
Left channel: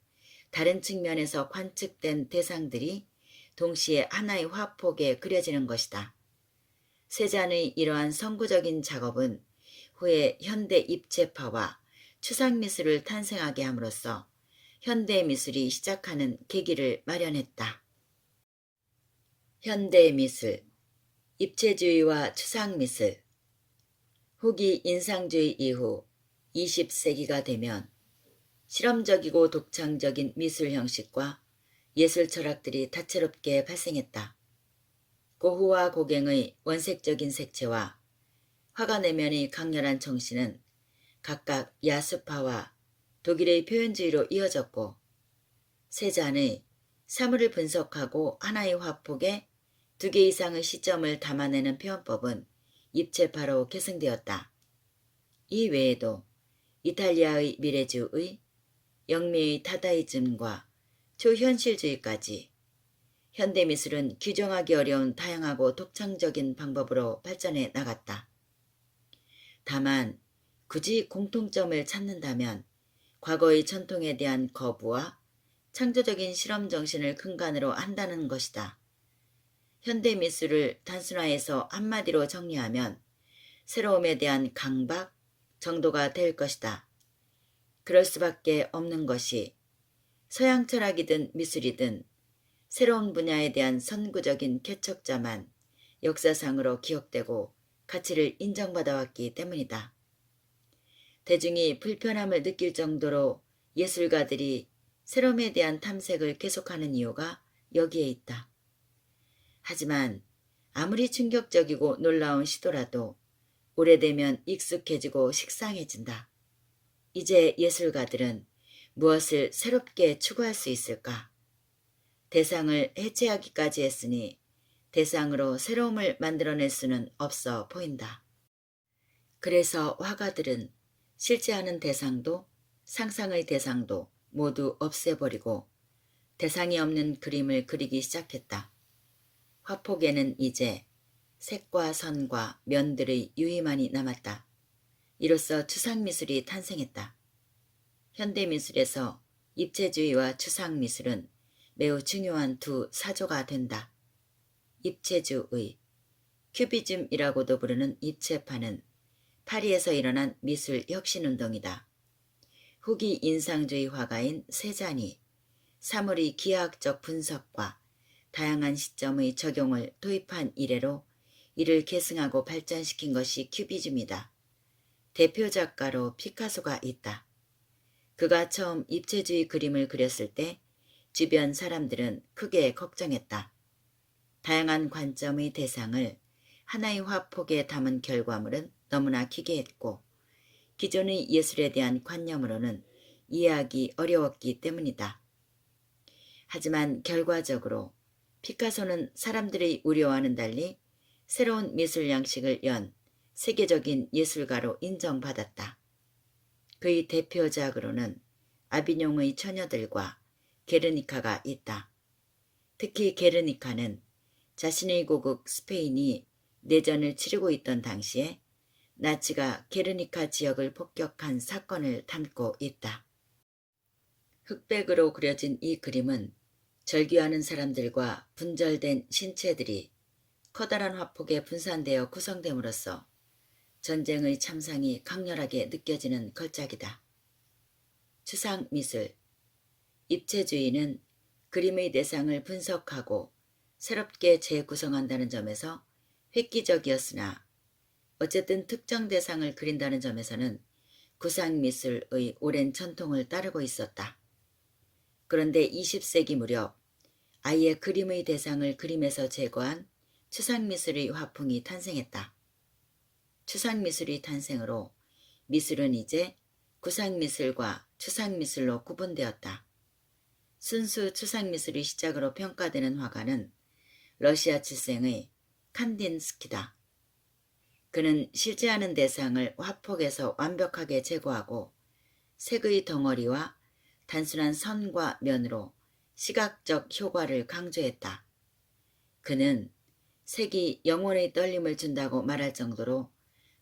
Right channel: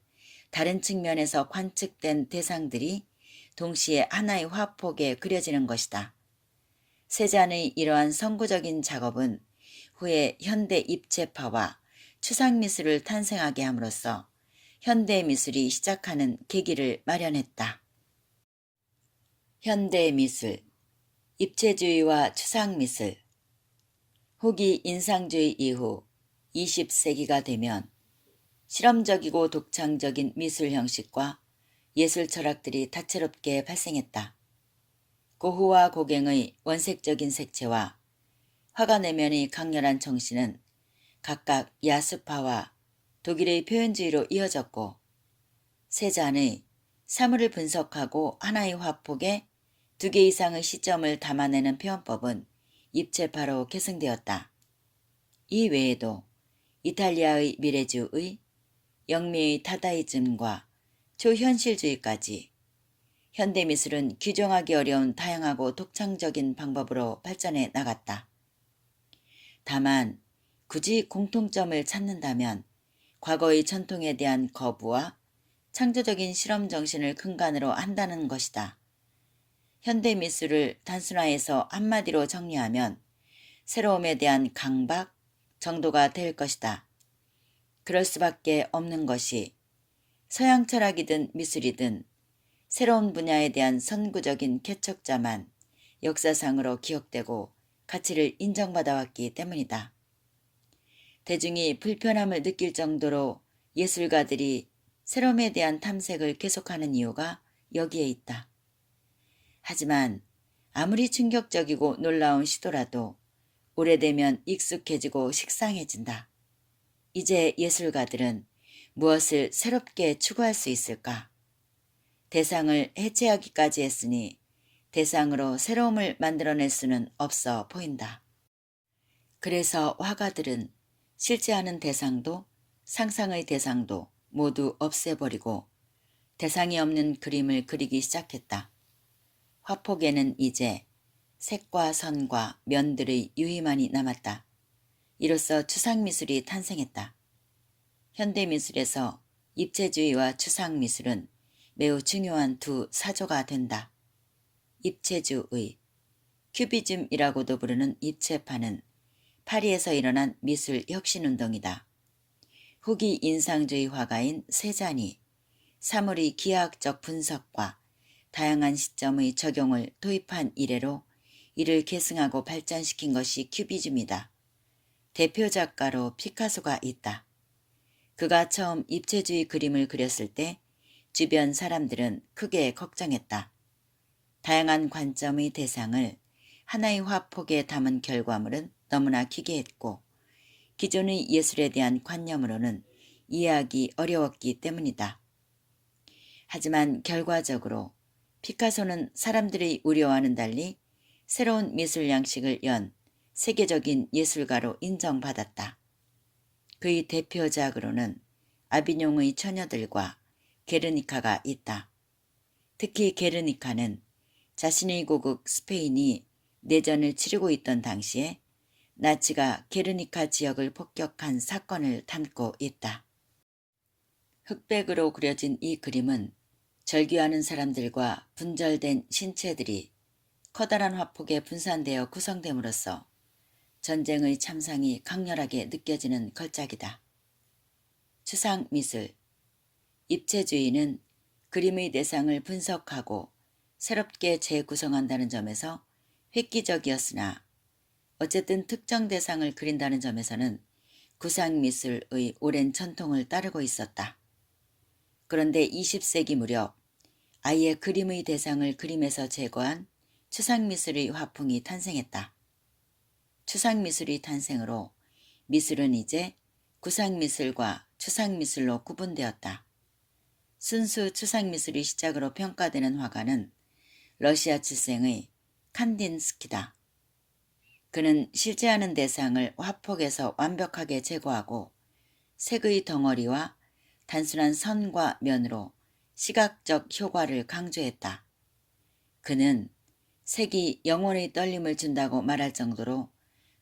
다른 측면에서 관측된 대상들이 동시에 하나의 화폭에 그려지는 것이다. 세잔의 이러한 선구적인 작업은 후에 현대 입체파와 추상미술을 탄생하게 함으로써 현대미술이 시작하는 계기를 마련했다. 현대미술, 입체주의와 추상미술. 후기 인상주의 이후 20세기가 되면 실험적이고 독창적인 미술 형식과 예술 철학들이 다채롭게 발생했다. 고흐와 고갱의 원색적인 색채와 화가 내면의 강렬한 정신은 각각 야수파와 독일의 표현주의로 이어졌고 세잔의 사물을 분석하고 하나의 화폭에 2개 이상의 시점을 담아내는 표현법은 입체파로 계승되었다. 이 외에도 이탈리아의 미래주의, 영미의 타다이즘과 초현실주의까지 현대미술은 규정하기 어려운 다양하고 독창적인 방법으로 발전해 나갔다. 다만 굳이 공통점을 찾는다면 과거의 전통에 대한 거부와 창조적인 실험 정신을 근간으로 한다는 것이다. 현대미술을 단순화해서 한마디로 정리하면 새로움에 대한 강박 정도가 될 것이다. 그럴 수밖에 없는 것이 서양 철학이든 미술이든 새로운 분야에 대한 선구적인 개척자만 역사상으로 기억되고 가치를 인정받아 왔기 때문이다. 대중이 불편함을 느낄 정도로 예술가들이 새로움에 대한 탐색을 계속하는 이유가 여기에 있다. 하지만 아무리 충격적이고 놀라운 시도라도 오래되면 익숙해지고 식상해진다. 이제 예술가들은 무엇을 새롭게 추구할 수 있을까? 대상을 해체하기까지 했으니 대상으로 새로움을 만들어낼 수는 없어 보인다. 그래서 화가들은 실제하는 대상도 상상의 대상도 모두 없애버리고 대상이 없는 그림을 그리기 시작했다. 화폭에는 이제 색과 선과 면들의 유희만이 남았다. 이로써 추상미술이 탄생했다. 현대미술에서 입체주의와 추상미술은 매우 중요한 두 사조가 된다. 입체주의, 큐비즘이라고도 부르는 입체파는 파리에서 일어난 미술 혁신운동이다. 후기 인상주의 화가인 세잔이 사물의 기하학적 분석과 다양한 시점의 적용을 도입한 이래로 이를 계승하고 발전시킨 것이 큐비즘이다. 대표 작가로 피카소가 있다. 그가 처음 입체주의 그림을 그렸을 때 주변 사람들은 크게 걱정했다. 다양한 관점의 대상을 하나의 화폭에 담은 결과물은 너무나 기괴했고 기존의 예술에 대한 관념으로는 이해하기 어려웠기 때문이다. 하지만 결과적으로 피카소는 사람들의 우려와는 달리 새로운 미술 양식을 연 세계적인 예술가로 인정받았다. 그의 대표작으로는 아비뇽의 처녀들과 게르니카가 있다. 특히 게르니카는 자신의 고국 스페인이 내전을 치르고 있던 당시에 나치가 게르니카 지역을 폭격한 사건을 담고 있다. 흑백으로 그려진 이 그림은 절규하는 사람들과 분절된 신체들이 커다란 화폭에 분산되어 구성됨으로써 전쟁의 참상이 강렬하게 느껴지는 걸작이다. 추상미술, 입체주의는 그림의 대상을 분석하고 새롭게 재구성한다는 점에서 획기적이었으나 어쨌든 특정 대상을 그린다는 점에서는 구상미술의 오랜 전통을 따르고 있었다. 그런데 20세기 무렵 아예 그림의 대상을 그림에서 제거한 추상미술의 화풍이 탄생했다. 추상미술의 탄생으로 미술은 이제 구상미술과 추상미술로 구분되었다. 순수 추상미술의 시작으로 평가되는 화가는 러시아 출생의 칸딘스키다. 그는 실제하는 대상을 화폭에서 완벽하게 제거하고 색의 덩어리와 단순한 선과 면으로 시각적 효과를 강조했다. 그는 색이 영혼의 떨림을 준다고 말할 정도로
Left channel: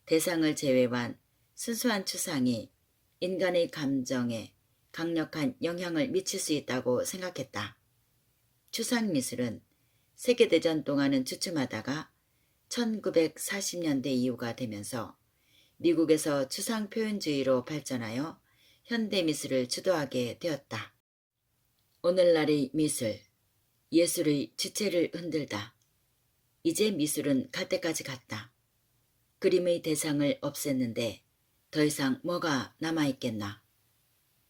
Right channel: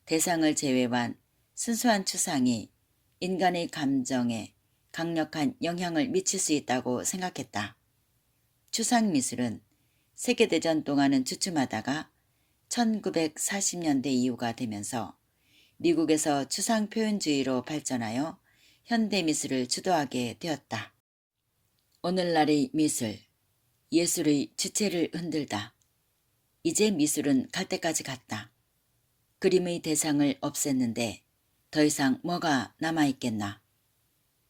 대상을 제외한 순수한 추상이 인간의 감정에 강력한 영향을 미칠 수 있다고 생각했다. 추상미술은 세계대전 동안은 주춤하다가 1940년대 이후가 되면서 미국에서 추상표현주의로 발전하여 현대미술을 주도하게 되었다. 오늘날의 미술, 예술의 주체를 흔들다. 이제 미술은 갈 때까지 갔다. 그림의 대상을 없앴는데 더 이상 뭐가 남아있겠나.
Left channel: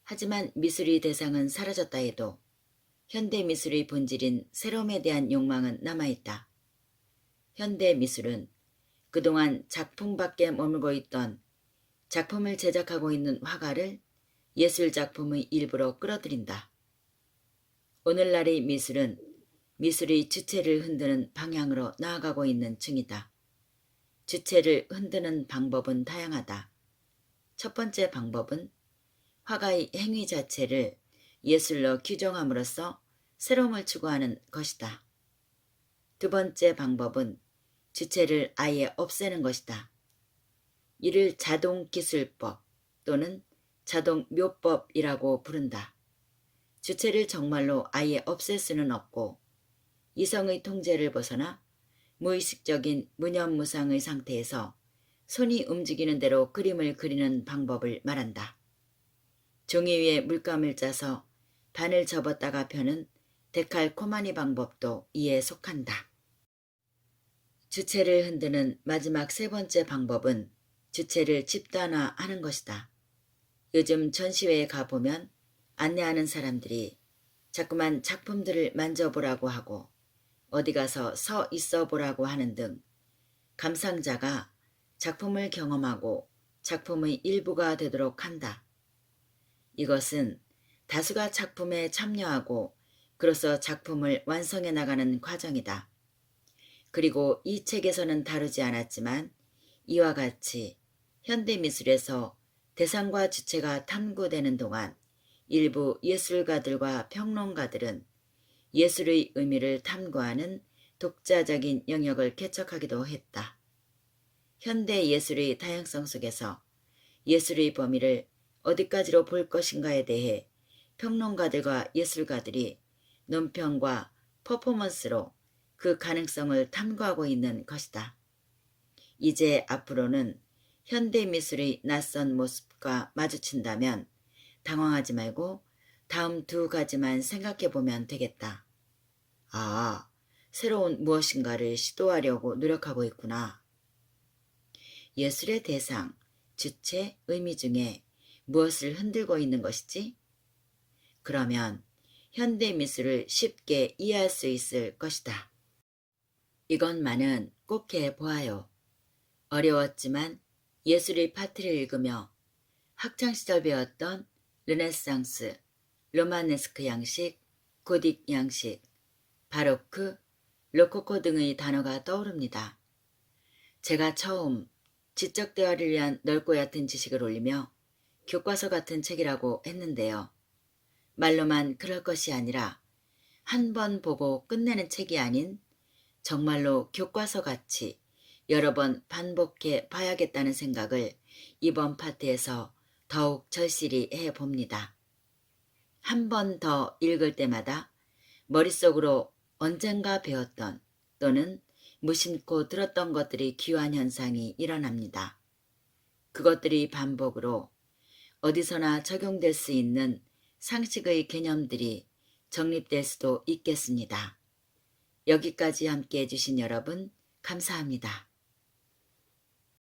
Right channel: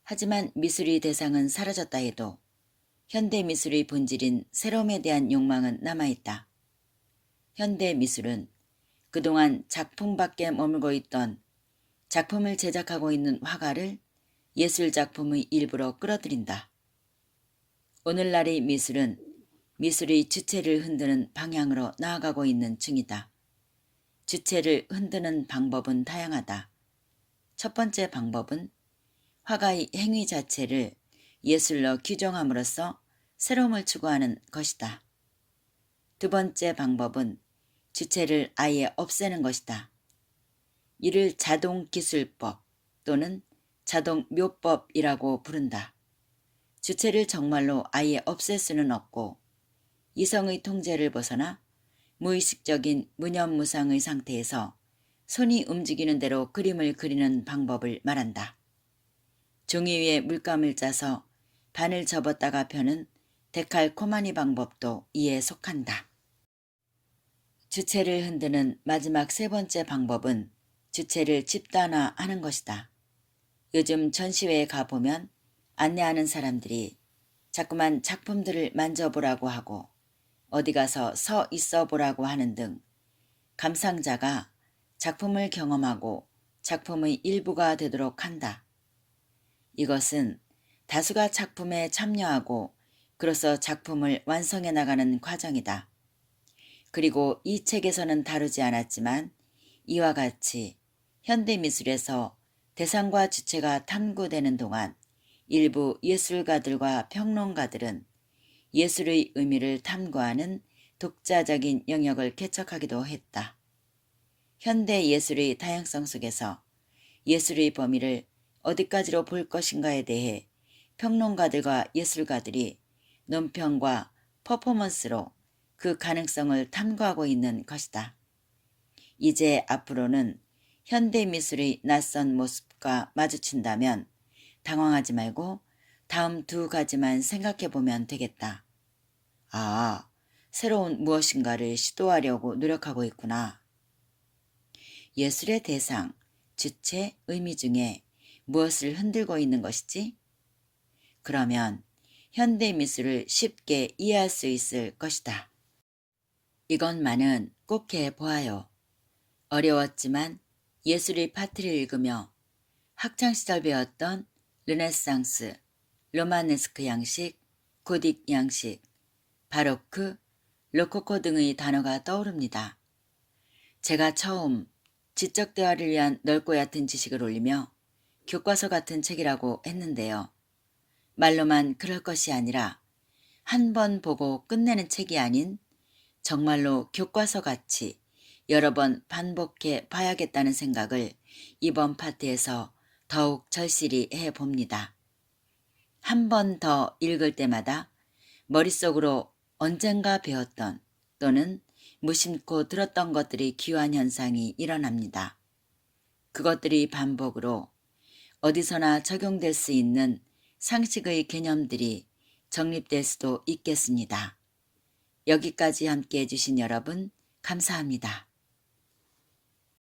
하지만 미술의 대상은 사라졌다 해도 현대미술의 본질인 새로움에 대한 욕망은 남아있다. 현대미술은 그동안 작품 밖에 머물고 있던 작품을 제작하고 있는 화가를 예술작품의 일부로 끌어들인다. 오늘날의 미술은 미술의 주체를 흔드는 방향으로 나아가고 있는 중이다. 주체를 흔드는 방법은 다양하다. 첫 번째 방법은 화가의 행위 자체를 예술로 규정함으로써 새로움을 추구하는 것이다. 두 번째 방법은 주체를 아예 없애는 것이다. 이를 자동기술법 또는 자동묘법이라고 부른다. 주체를 정말로 아예 없앨 수는 없고 이성의 통제를 벗어나 무의식적인 무념무상의 상태에서 손이 움직이는 대로 그림을 그리는 방법을 말한다. 종이 위에 물감을 짜서 반을 접었다가 펴는 데칼코마니 방법도 이에 속한다. 주체를 흔드는 마지막 세 번째 방법은 주체를 집단화하는 것이다. 요즘 전시회에 가보면 안내하는 사람들이 자꾸만 작품들을 만져보라고 하고 어디 가서 서 있어 보라고 하는 등 감상자가 작품을 경험하고 작품의 일부가 되도록 한다. 이것은 다수가 작품에 참여하고 그로써 작품을 완성해 나가는 과정이다. 그리고 이 책에서는 다루지 않았지만 이와 같이 현대미술에서 대상과 주체가 탐구되는 동안 일부 예술가들과 평론가들은 예술의 의미를 탐구하는 독자적인 영역을 개척하기도 했다. 현대 예술의 다양성 속에서 예술의 범위를 어디까지로 볼 것인가에 대해 평론가들과 예술가들이 논평과 퍼포먼스로 그 가능성을 탐구하고 있는 것이다. 이제 앞으로는 현대미술의 낯선 모습과 마주친다면 당황하지 말고 다음 두 가지만 생각해 보면 되겠다. 아, 새로운 무엇인가를 시도하려고 노력하고 있구나. 예술의 대상, 주체, 의미 중에 무엇을 흔들고 있는 것이지? 그러면 현대미술을 쉽게 이해할 수 있을 것이다. 이것만은 꼭 해보아요. 어려웠지만 예술의 파트를 읽으며 학창시절 배웠던 르네상스, 로마네스크 양식, 고딕 양식, 바로크, 로코코 등의 단어가 떠오릅니다. 제가 처음 지적 대화를 위한 넓고 얕은 지식을 올리며 교과서 같은 책이라고 했는데요. 말로만 그럴 것이 아니라 한 번 보고 끝내는 책이 아닌 정말로 교과서같이 여러 번 반복해 봐야겠다는 생각을 이번 파트에서 더욱 절실히 해봅니다. 한 번 더 읽을 때마다 머릿속으로 언젠가 배웠던 또는 무심코 들었던 것들이 귀환 현상이 일어납니다. 그것들이 반복으로 어디서나 적용될 수 있는 상식의 개념들이 정립될 수도 있겠습니다. 여기까지 함께 해주신 여러분 감사합니다.